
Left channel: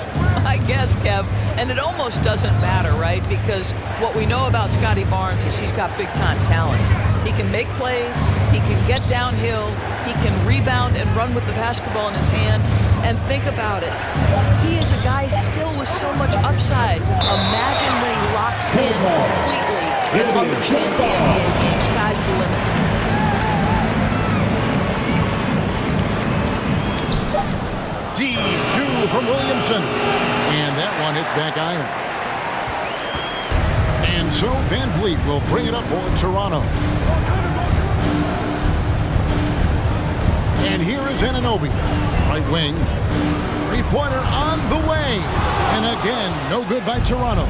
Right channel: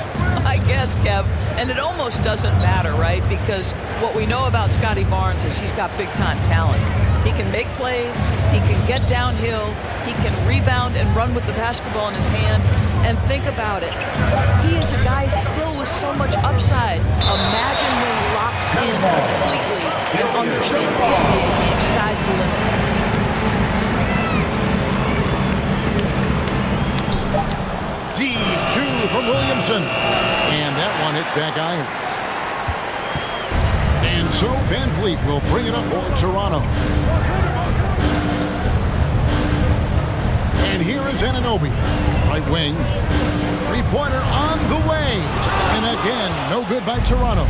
I guess, Kev. And it almost doesn't matter, right? Because what we know about Scotty Barnes is he's got big-time talent. He can make plays, he can get downhill, he can rebound and run with the basketball in his hand. And think about it. He is a guy still with so much upside. Imagine when he locks in completely and understands the NBA game. Sky's the limit. Deep two from Williamson. And that one hits back iron. And so Van Vliet will bring it up for Toronto. And here is Anunoby. Right wing. Three-pointer on the way. And again, no good by Toronto.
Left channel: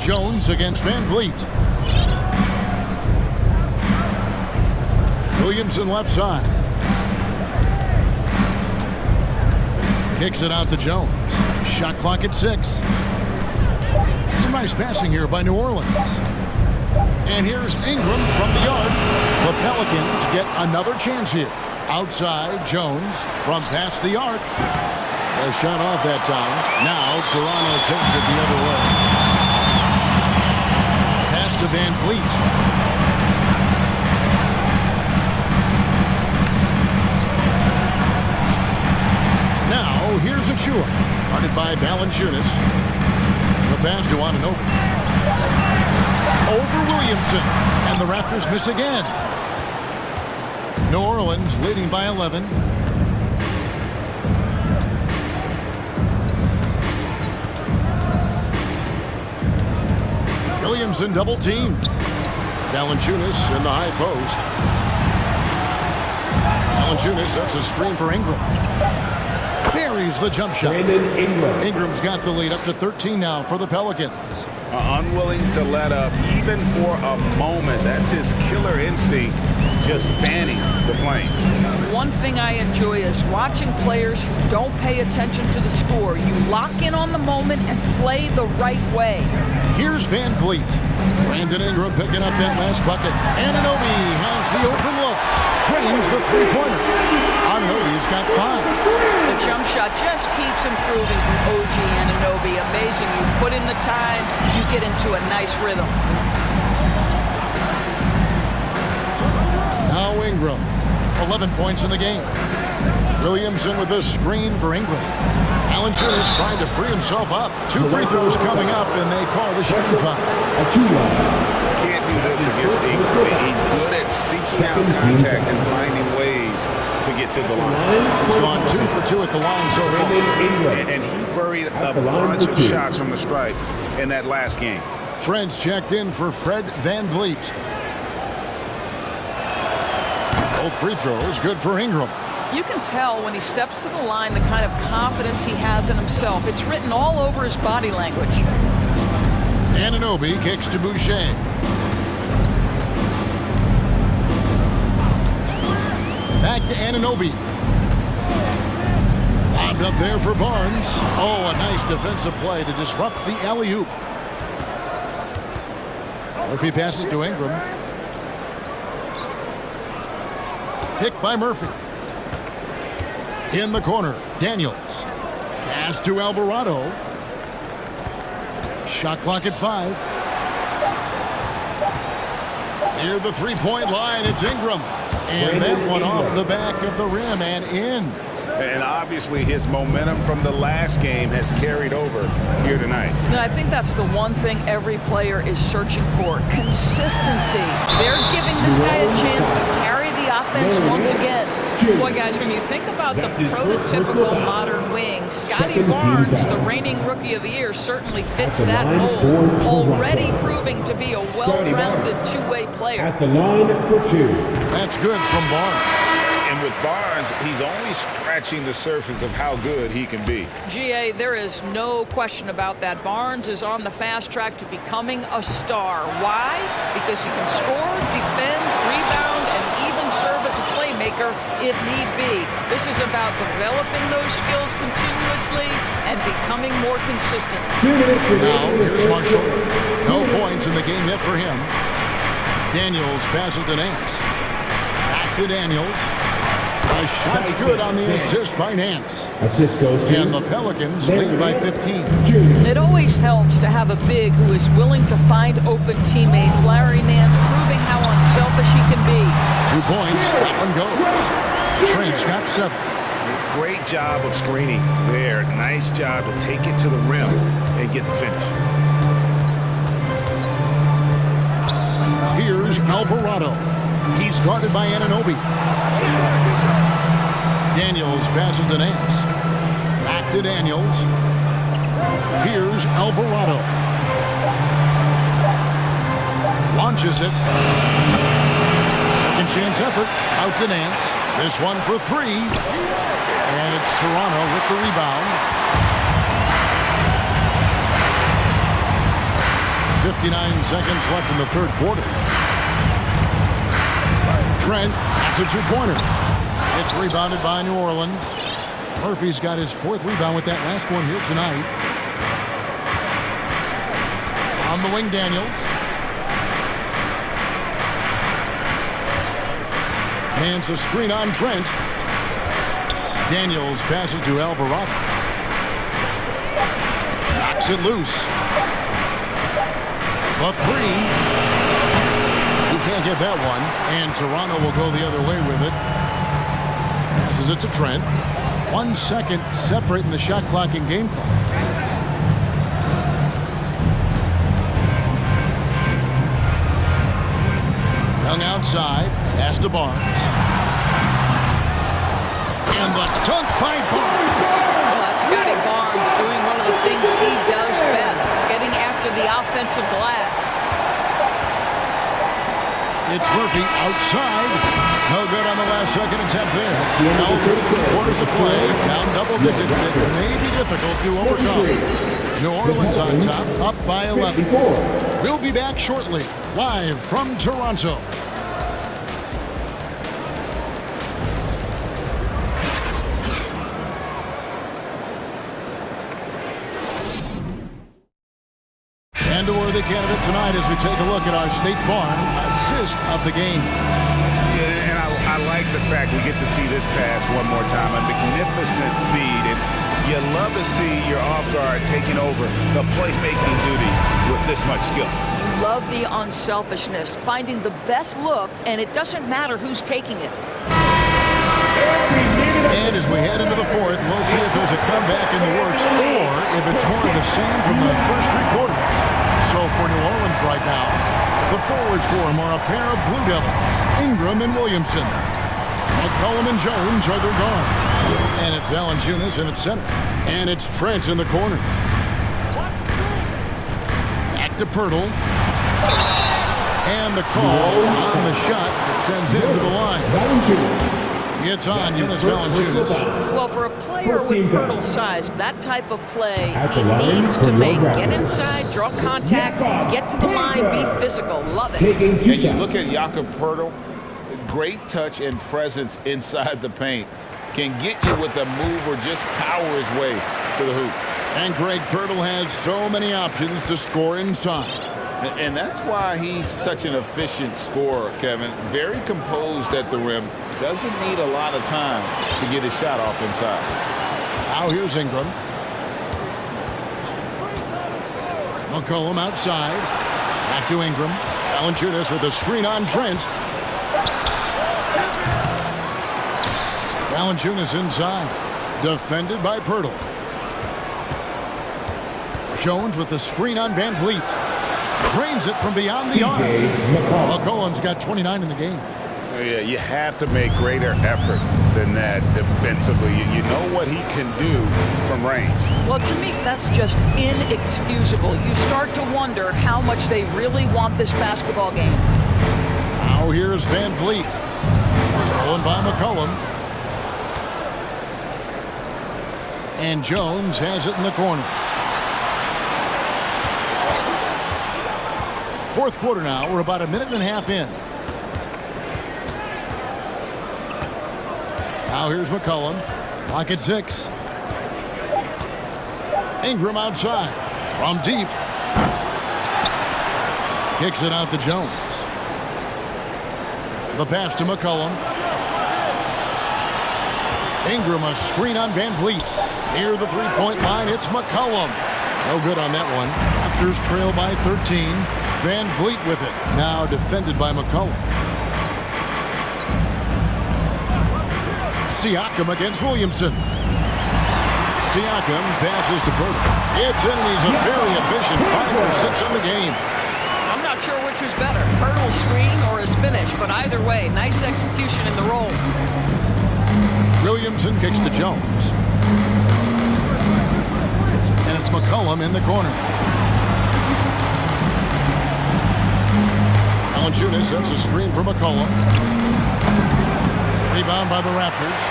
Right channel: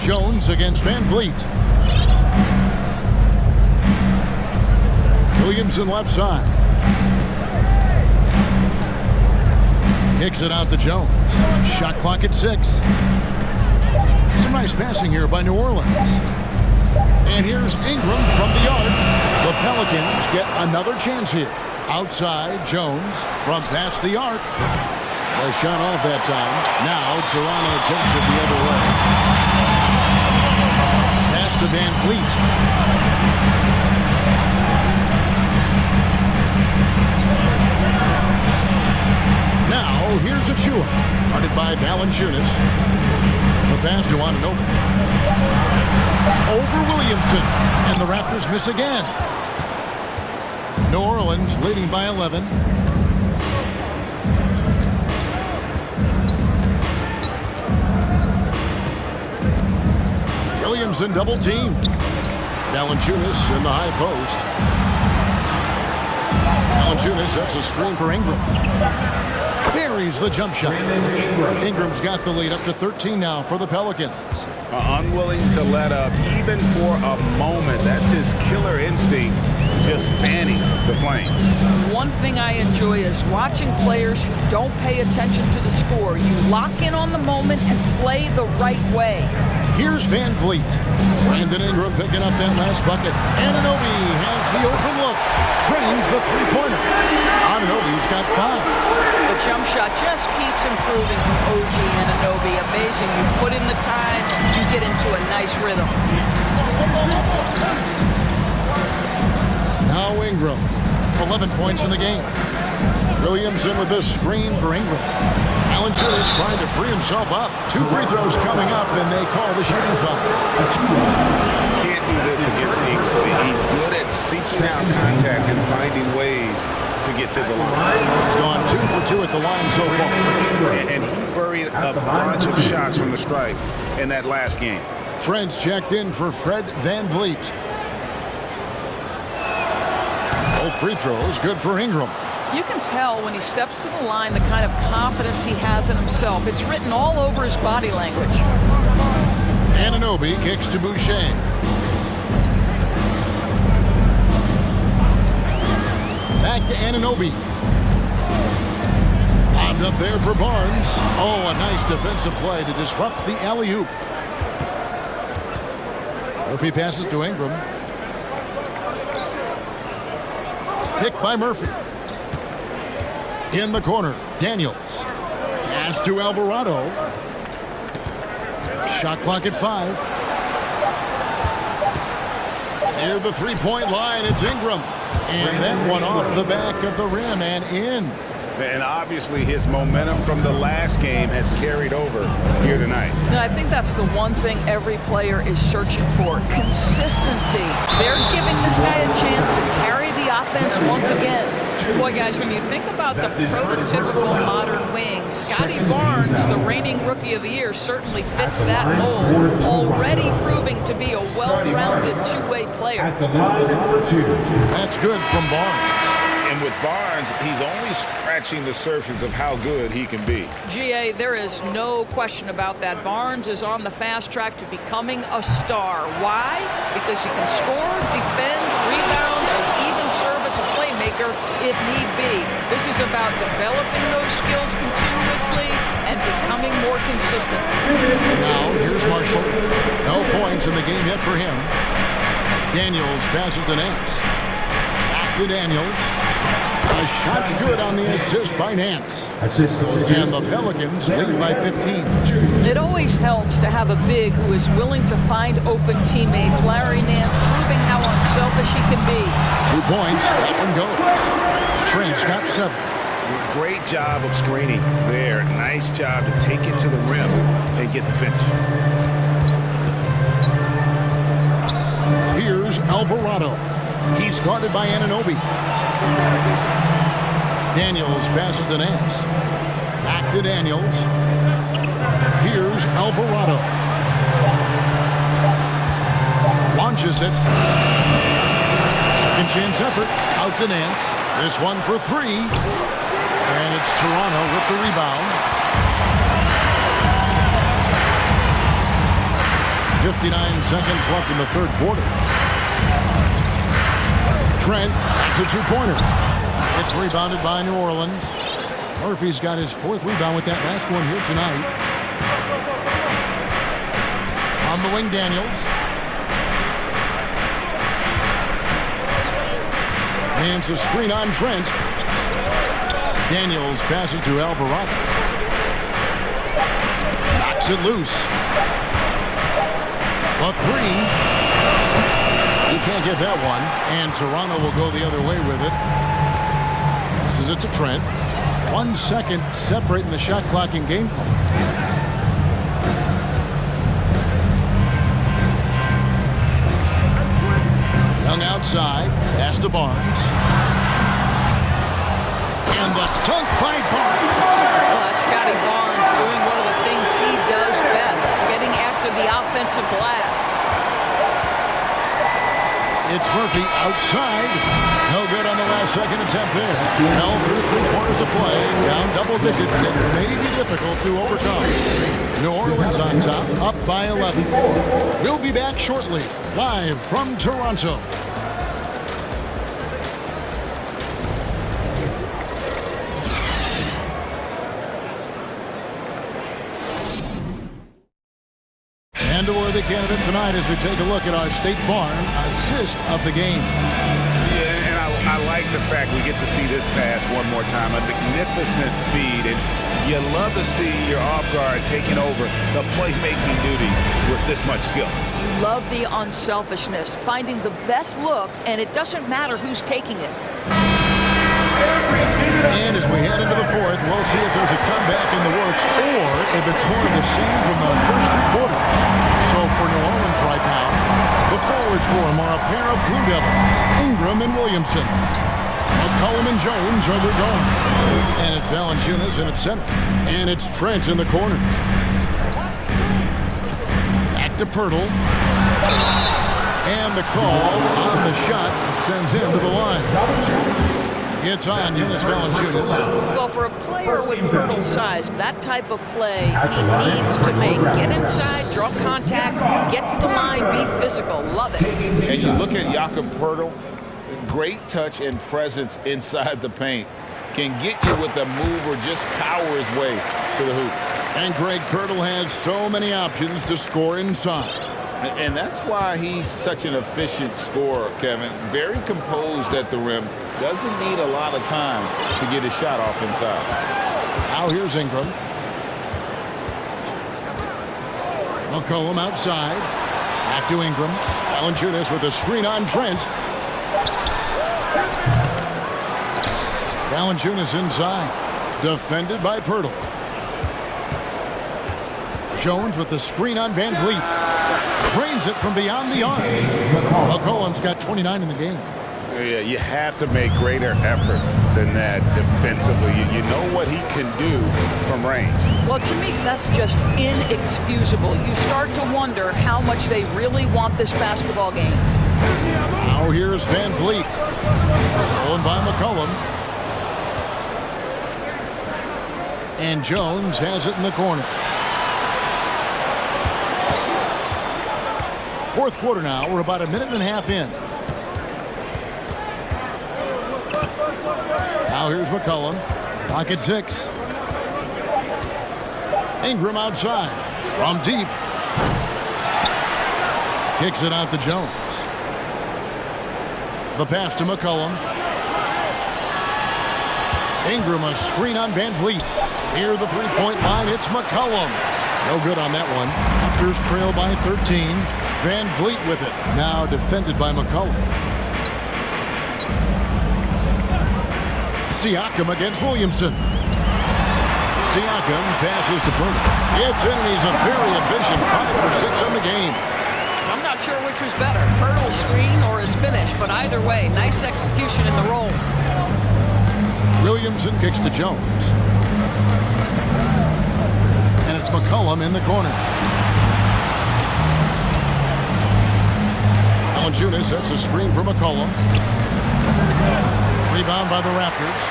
Jones against Van Vliet. Williamson left side. Kicks it out to Jones. Shot clock at 6. Some nice passing here by New Orleans. And here's Ingram from the arc. The Pelicans get another chance here. Outside, Jones from past the arc. The shot off that time. Now Toronto takes it the other way. Pass to Van Vliet. Now here's Achua. Guarded by Valanciunas. The pass to Anunoby. Over Williamson. And the Raptors miss again. New Orleans leading by 11. Williamson double teamed. Valanciunas in the high post. Valanciunas sets a screen for Ingram. Buries the jump shot. Ingram's got the lead up to 13 now for the Pelicans. Unwilling to let up even for a moment. That's his killer instinct, just fanning the flame. One thing I enjoy is watching players who don't pay attention to the score. You lock in on the moment and play the right way. Here's Van Vliet. Brandon Ingram picking up that last bucket. Anunoby has the open look. Trains the three-pointer. Anunoby's got 5. The jump shot just keeps improving from OG Anunoby. Amazing. You put in the time, you get into a nice rhythm. Now Ingram. 11 points in the game. Williamson with a screen for Ingram. Valanciunas trying to free himself up. 2 free throws coming up, and they call the shooting foul. Can't do this against Ingram. He's good at seeking out contact and finding ways to get to the line. He's gone 2 for 2 at the line so far. And he buried a bunch of shots from the stripe in that last game. Trent's checked in for Fred Van Vliet. Both free throws good for Ingram. You can tell when he steps to the line the kind of confidence he has in himself. It's written all over his body language. Anunoby kicks to Boucher. Back to Anunoby. Lobbed up there for Barnes. Oh, a nice defensive play to disrupt the alley-oop. Murphy passes to Ingram. Picked by Murphy. In the corner, Daniels. Pass to Alvarado. Shot clock at 5. Near the three-point line, it's Ingram. And that one off the back of the rim and in. And obviously his momentum from the last game has carried over here tonight. No, I think that's the one thing every player is searching for, consistency. They're giving this guy a chance to carry the offense once again. Boy, guys, when you think about the prototypical modern wing, Scotty Barnes, the reigning Rookie of the Year, certainly fits that mold, already proving to be a well-rounded two-way player. At the line for 2. That's good from Barnes. And with Barnes, he's only scratching the surface of how good he can be. GA, there is no question about that. Barnes is on the fast track to becoming a star. Why? Because he can score, defend, rebound, and even serve as a playmaker if need be. This is about developing those skills continuously and becoming more consistent. Now, here's Marshall. No points in the game yet for him. Daniels passes to Nance. Back to Daniels. A shot's good on the assist by Nance. Assist goes to And the Pelicans lead by 15. It always helps to have a big who is willing to find open teammates. Larry Nance proving how unselfish he can be. 2 points. That one goes. Trent's got 7. Great job of screening there. Nice job to take it to the rim and get the finish. Here's Alvarado. He's guarded by Anunoby. Daniels passes to Nance. Back to Daniels. Here's Alvarado. Launches it. Second chance effort. Out to Nance. This one for 3. And it's Toronto with the rebound. 59 seconds left in the third quarter. Trent, that's a two-pointer. It's rebounded by New Orleans. Murphy's got his 4th rebound with that last one here tonight. On the wing, Daniels. Nance a screen on Trent. Daniels passes to Alvarado. Knocks it loose. The 3. You can't get that one, and Toronto will go the other way with it. Passes it to Trent. 1 second separating the shot clock and game clock. Young outside, pass to Barnes. And the dunk by Barnes. Well, that's Scotty Barnes doing one of the things he does best, getting after the offensive glass. It's Murphy outside. No good on the last second attempt there. Now through 3 quarters of play, down double digits. It may be difficult to overcome. New Orleans on top, up by 11. We'll be back shortly, live from Toronto. And a worthy candidate tonight as we take a look at our State Farm assist of the game. Yeah, and I like the fact we get to see this pass one more time. A magnificent feed, and you love to see your off guard taking over the playmaking duties with this much skill. You love the unselfishness, finding the best look, and it doesn't matter who's taking it. And as we head into the 4th, we'll see if there's a comeback in the works or if it's more of the same from the first 3 quarters. So for New Orleans right now, the forwards for them are a pair of Blue Devils, Ingram and Williamson. McCollum and Jones are their guards. And it's Valanciunas in its center. And it's Trent in the corner. Back to Pirtle. And the call on the shot that sends him to the line. It's on Jonas Valanciunas. Well, for a player with Pirtle's size, that type of play he needs to make. Get inside, draw contact, get to the line, be physical. Love it. And you look at Jakob Pirtle, great touch and presence inside the paint. Can get you with a move or just power his way to the hoop. And Greg Pirtle has so many options to score inside. And that's why he's such an efficient scorer, Kevin. Very composed at the rim. Doesn't need a lot of time to get his shot off inside. Now here's Ingram. McCollum outside. Back to Ingram. Valanciunas with a screen on Trent. Valanciunas inside. Defended by Pirtle. Jones with the screen on Van Vliet. Drains it from beyond the arc. McCollum's got 29 in the game. Yeah, you have to make greater effort than that defensively. You know what he can do from range. Well, to me, that's just inexcusable. You start to wonder how much they really want this basketball game. Now here's Van Vliet. Stolen by McCollum. And Jones has it in the corner. Fourth quarter now. We're about a minute and a half in. Now here's McCollum. Clock at 6. Ingram outside. From deep. Kicks it out to Jones. The pass to McCollum. Ingram a screen on Van Vliet. Near the three-point line, it's McCollum. No good on that one. Raptors trail by 13. Van Vliet with it. Now defended by McCollum. Siakam against Williamson. Siakam passes to Pirtle. It's in, and he's a very efficient 5 for 6 on the game. I'm not sure which was better, Pirtle's screen or his finish, but either way, nice execution in the roll. Williamson kicks to Jones. And it's McCollum in the corner. Valanciunas sets a screen for McCollum. Rebound by the Raptors.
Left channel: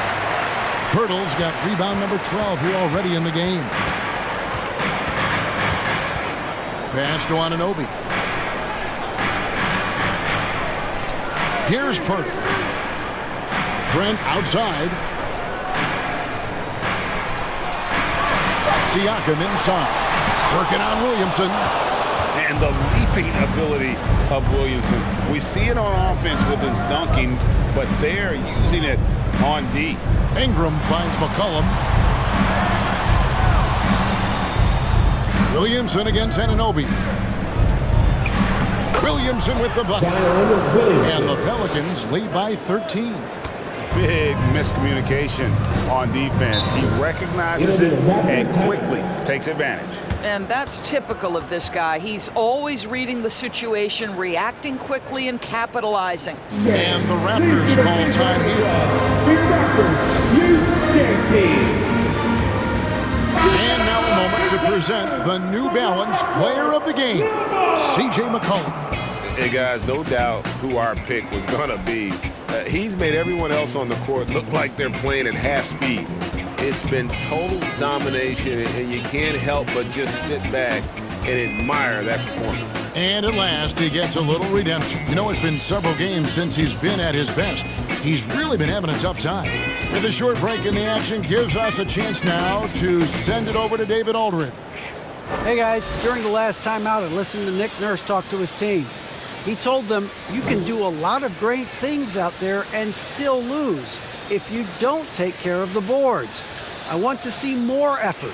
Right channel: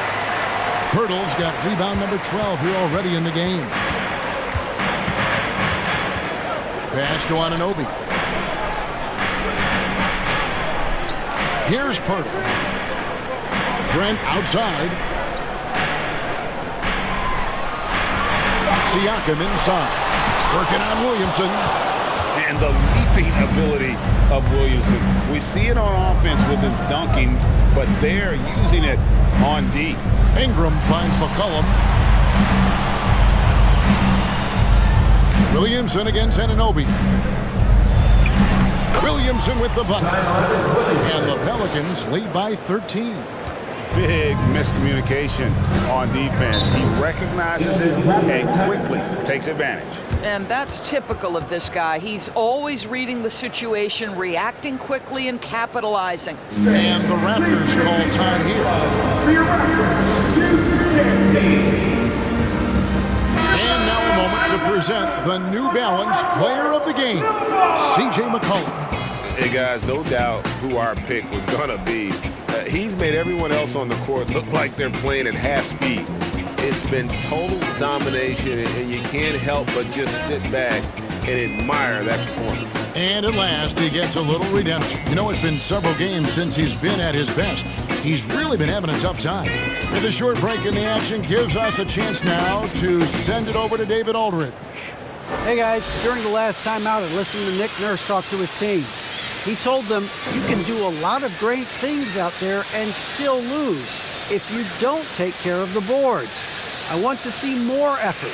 Pirtle's got rebound number 12 here already in the game. Pass to Anunoby. Here's Pirtle. Trent outside. Siakam inside. Working on Williamson. And the leaping ability of Williamson. We see it on offense with his dunking, but they're using it on D. Ingram finds McCollum. Williamson against Anunoby. Williamson with the bucket. And the Pelicans lead by 13. Big miscommunication on defense. He recognizes it and quickly takes advantage. And that's typical of this guy. He's always reading the situation, reacting quickly, and capitalizing. And the Raptors call time here. And now a moment to present the New Balance Player of the Game, J McCollum. Hey, guys, no doubt who our pick was going to be. He's made everyone else on the court look like they're playing at half speed. It's been total domination, and you can't help but just sit back and admire that performance. And at last, he gets a little redemption. You know, it's been several games since he's been at his best. He's really been having a tough time. With a short break in the action, gives us a chance now to send it over to David Aldridge. Hey guys, during the last timeout, I listened to Nick Nurse talk to his team. He told them you can do a lot of great things out there and still lose if you don't take care of the boards. I want to see more effort,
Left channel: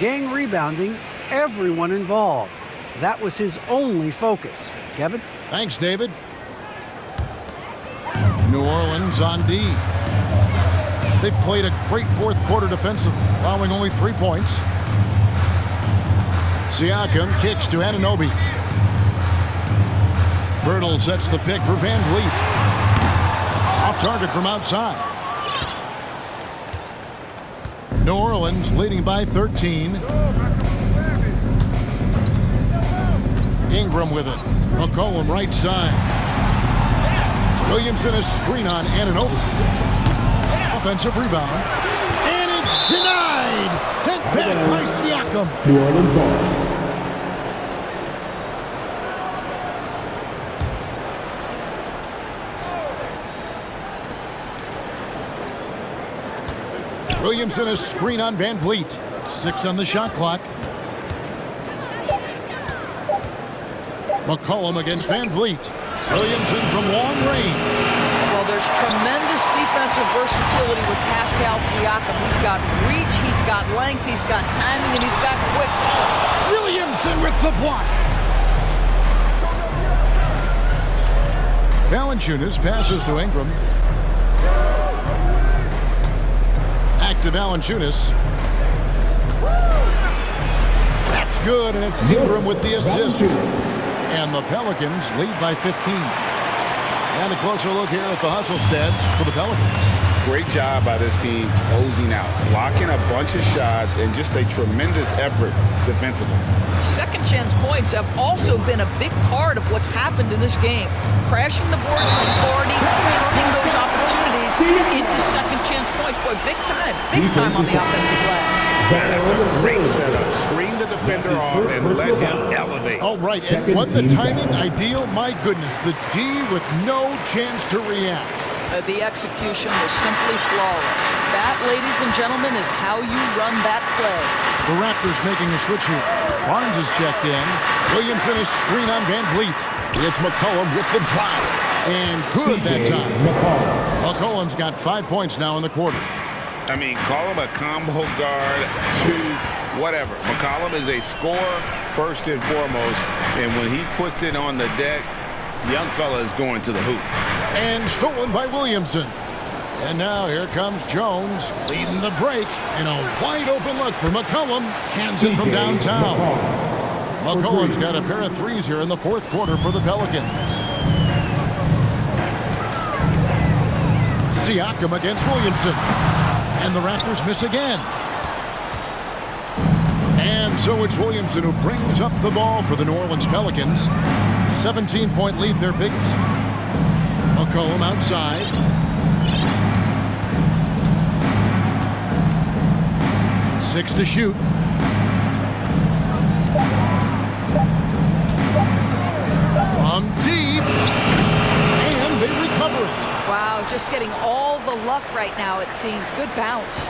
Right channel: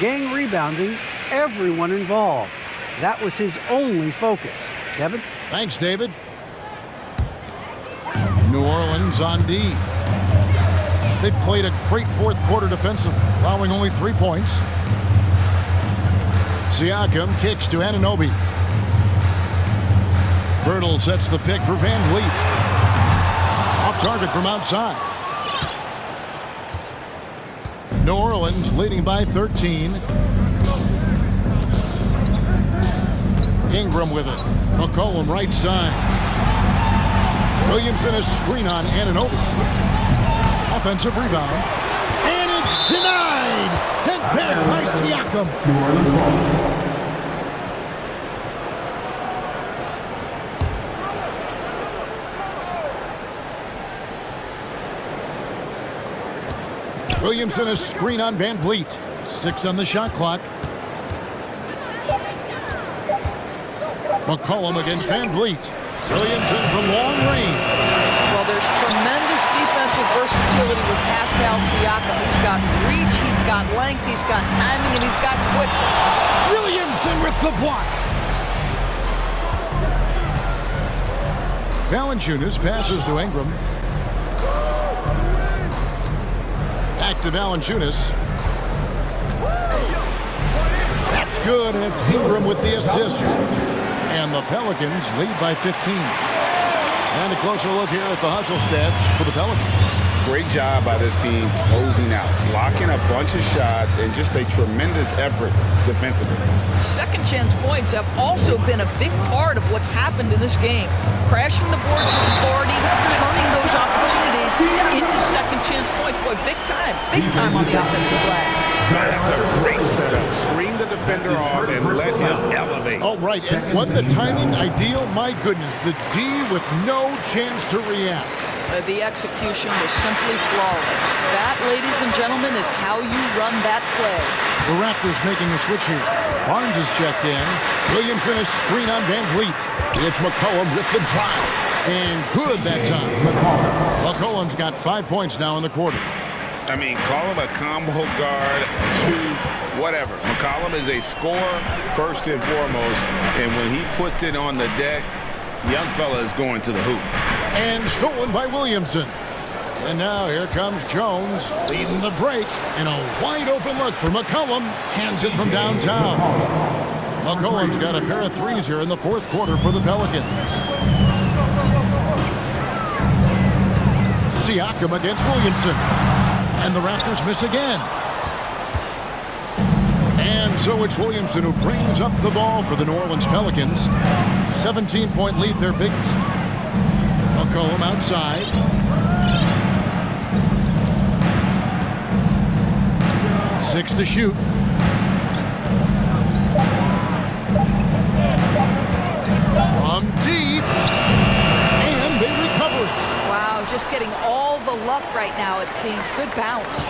gang rebounding, everyone involved. That was his only focus. Kevin? Thanks, David. New Orleans on D. They played a great fourth quarter defensively, allowing only 3 points. Siakam kicks to Anunoby. Pirtle sets the pick for Van Vliet. Off target from outside. New Orleans leading by 13. Ingram with it. McCollum right side. Williamson a screen on Anunoby. Offensive rebound. And it's denied. Sent back by Siakam. New Orleans ball. Williamson a screen on Van Vliet. 6 on the shot clock. McCollum against Van Vliet. Williamson from long range. Well, there's tremendous defensive versatility with Pascal Siakam. He's got reach, he's got length, he's got timing, and he's got quickness. Williamson with the block. Valanciunas passes to Ingram. Back to Valanciunas. That's good, and it's Ingram with the assist. And the Pelicans lead by 15. And a closer look here at the hustle stats for the Pelicans. Great job by this team closing out, blocking a bunch of shots, and just a tremendous effort defensively. Second chance points have also been a big part of what's happened in this game. Crashing the boards with authority, turning those opportunities into second chance points. Boy, big time on the offensive glass. That's a great setup. Screen the defender off and let him elevate. Oh, right. And wasn't the timing ideal? My goodness, the D with no chance to react. The execution was simply flawless. That, ladies and gentlemen, is how you run that play. The Raptors making a switch here. Barnes is checked in. Williamson is screen on Van Vliet. It's McCollum with the drive. And good that time. McCollum's got 5 points now in the quarter. I mean, call him a combo guard to whatever. McCollum is a scorer first and foremost, and when he puts it on the deck, young fella is going to the hoop. And stolen by Williamson. And now here comes Jones leading the break, and a wide open look for McCollum. Cans it from downtown. McCollum's got a pair of threes here in the fourth quarter for the Pelicans. Siakam against Williamson. And the Raptors miss again. And so it's Williamson who brings up the ball for the New Orleans Pelicans. 17-point lead, their biggest. McCollum outside. Six to shoot. From deep. And they recover it. Wow, just getting all the luck right now, it seems. Good bounce.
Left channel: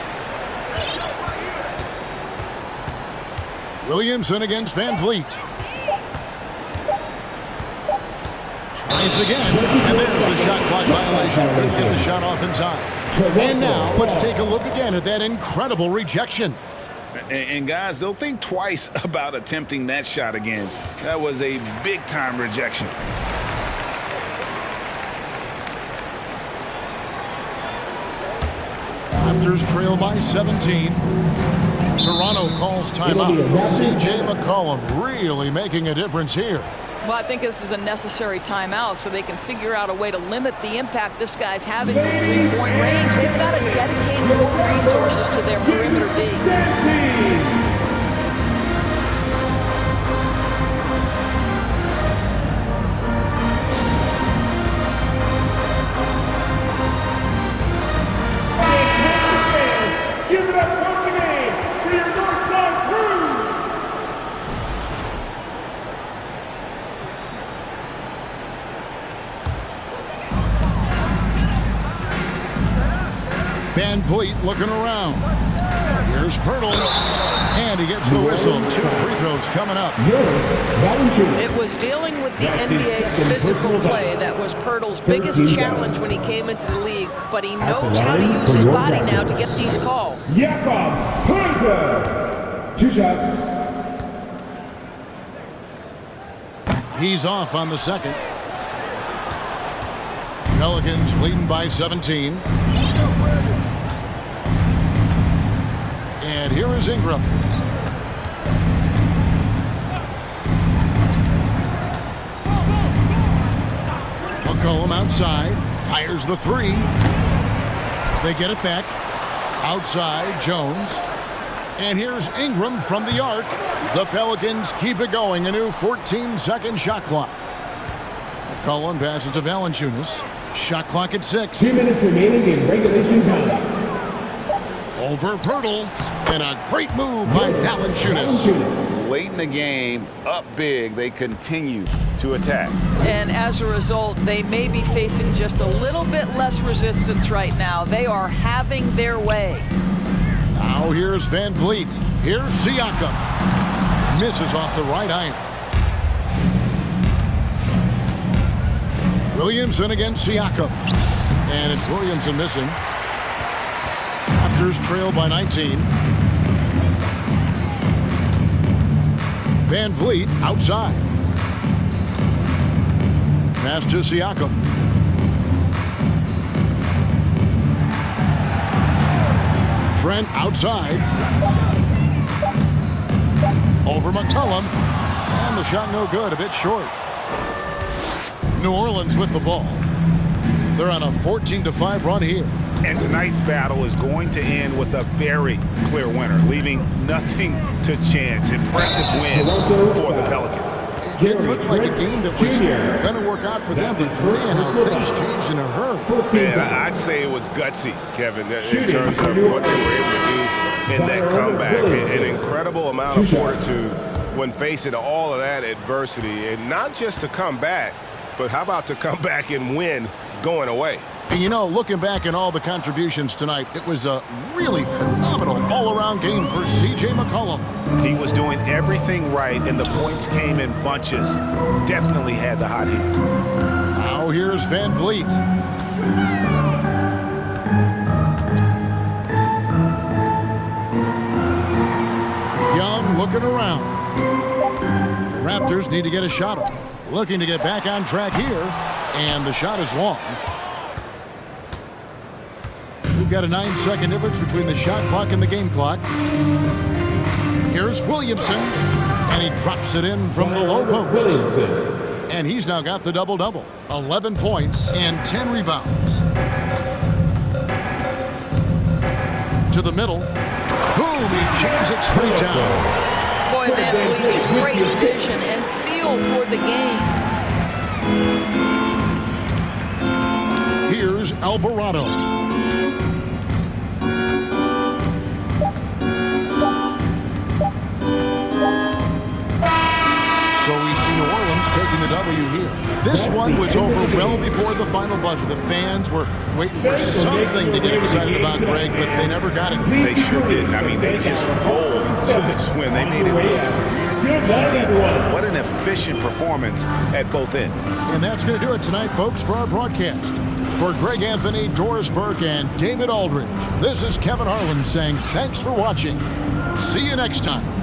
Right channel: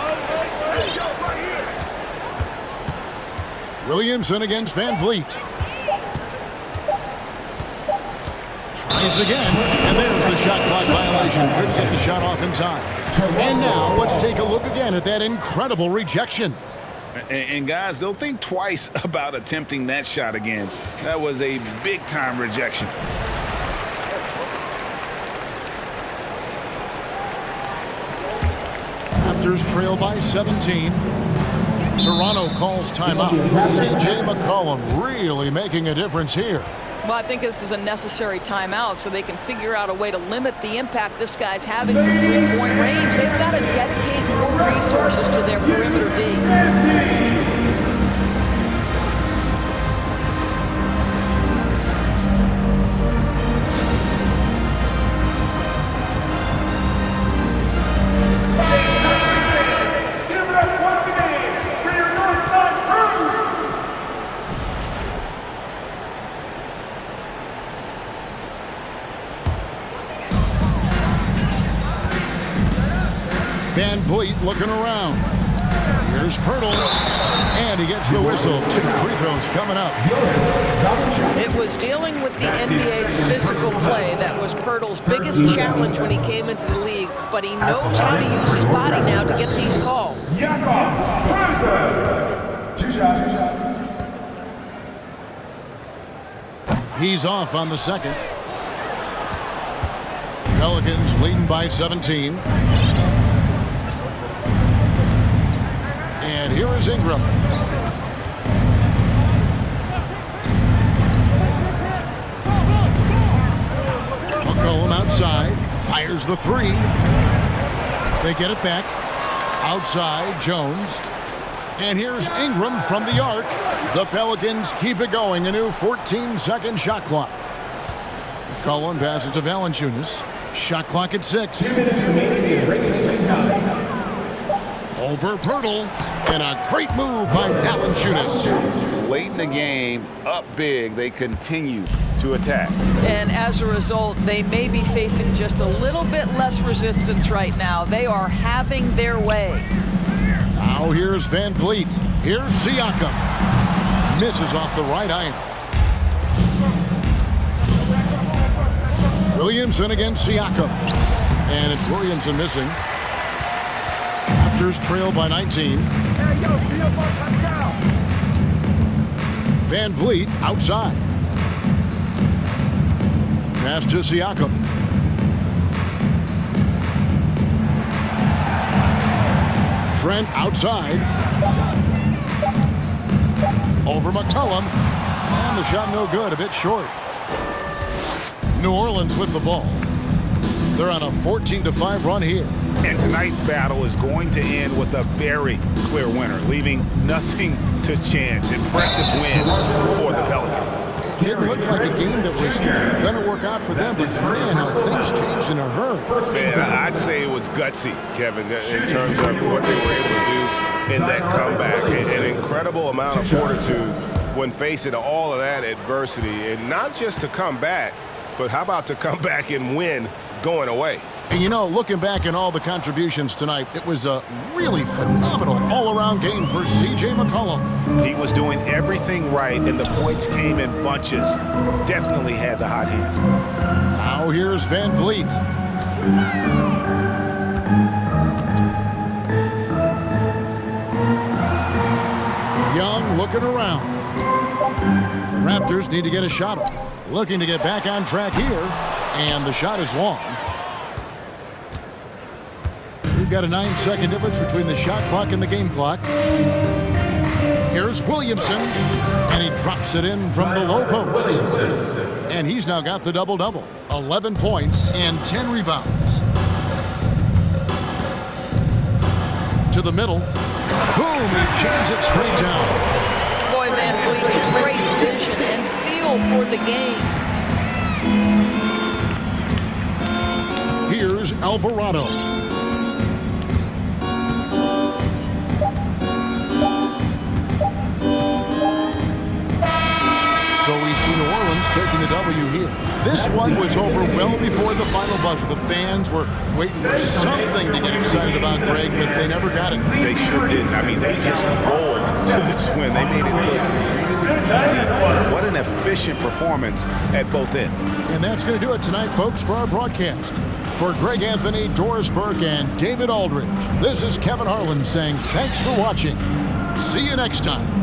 Williamson against Van Vliet. Tries again, and there's the shot clock violation. Couldn't get the shot off in time. And now let's take a look again at that incredible rejection. And guys, they'll think twice about attempting that shot again. That was a big-time rejection. Raptors trail by 17. Toronto calls timeout. J McCollum really making a difference here. Well, I think this is a necessary timeout so they can figure out a way to limit the impact this guy's having from three-point range. They've got to dedicate more resources to their perimeter D. Give it up once again for your Northside crew. Van Vliet looking around. Here's Pirtle. And he gets the whistle. 2 free throws coming up. It was dealing with the NBA's physical play that was Pirtle's biggest challenge when he came into the league, but he knows how to use his body now to get these calls. Jakob Pirtle. 2 shots. He's off on the second. Pelicans leading by 17. And here is Ingram. McCollum outside, fires the three. They get it back. Outside, Jones. And here's Ingram from the arc. The Pelicans keep it going. A new 14-second shot clock. McCollum passes to Valanciunas. Shot clock at 6. 2 minutes remaining in regulation time. Over Pirtle, and a great move by Valanciunas. Late in the game, up big, they continue to attack. And as a result, they may be facing just a little bit less resistance right now. They are having their way. Now here's Van Vliet. Here's Siakam. Misses off the right iron. Williamson against Siakam. And it's Williamson missing. Raptors trail by 19. Van Vliet outside. Pass to Siakam. Trent outside. Over McCollum. And the shot no good, a bit short. New Orleans with the ball. They're on a 14-5 run here. And tonight's battle is going to end with a very clear winner, leaving nothing to chance. Impressive win for the Pelicans. It didn't look like a game that was going to work out for them, but man, how things changed in a hurry. Man, I'd say it was gutsy, Kevin, in terms of what they were able to do in that comeback. An incredible amount of fortitude when facing all of that adversity, and not just to come back, but how about to come back and win going away? And you know, looking back at all the contributions tonight, it was a really phenomenal all-around game for J McCollum. He was doing everything right, and the points came in bunches. Definitely had the hot hand. Now here's Van Vliet. Young looking around. The Raptors need to get a shot off. Looking to get back on track here, and the shot is long. We've got a 9-second difference between the shot clock and the game clock. Here's Williamson, and he drops it in from the low post. And he's now got the double-double. 11 points and 10 rebounds. To the middle. Boom, he jams it straight down. Boy, Van Vliet, just great vision and feel for the game. Here's Alvarado. So we see New Orleans taking the W here. This one was over well before the final buzzer. The fans were waiting for something to get excited about, Greg, but they never got it. They sure didn't. I mean, they just rolled to this win. They made it look really easy. What an efficient performance at both ends. And that's going to do it tonight, folks, for our broadcast. For Greg Anthony, Doris Burke, and David Aldridge, this is Kevin Harlan saying thanks for watching. See you next time.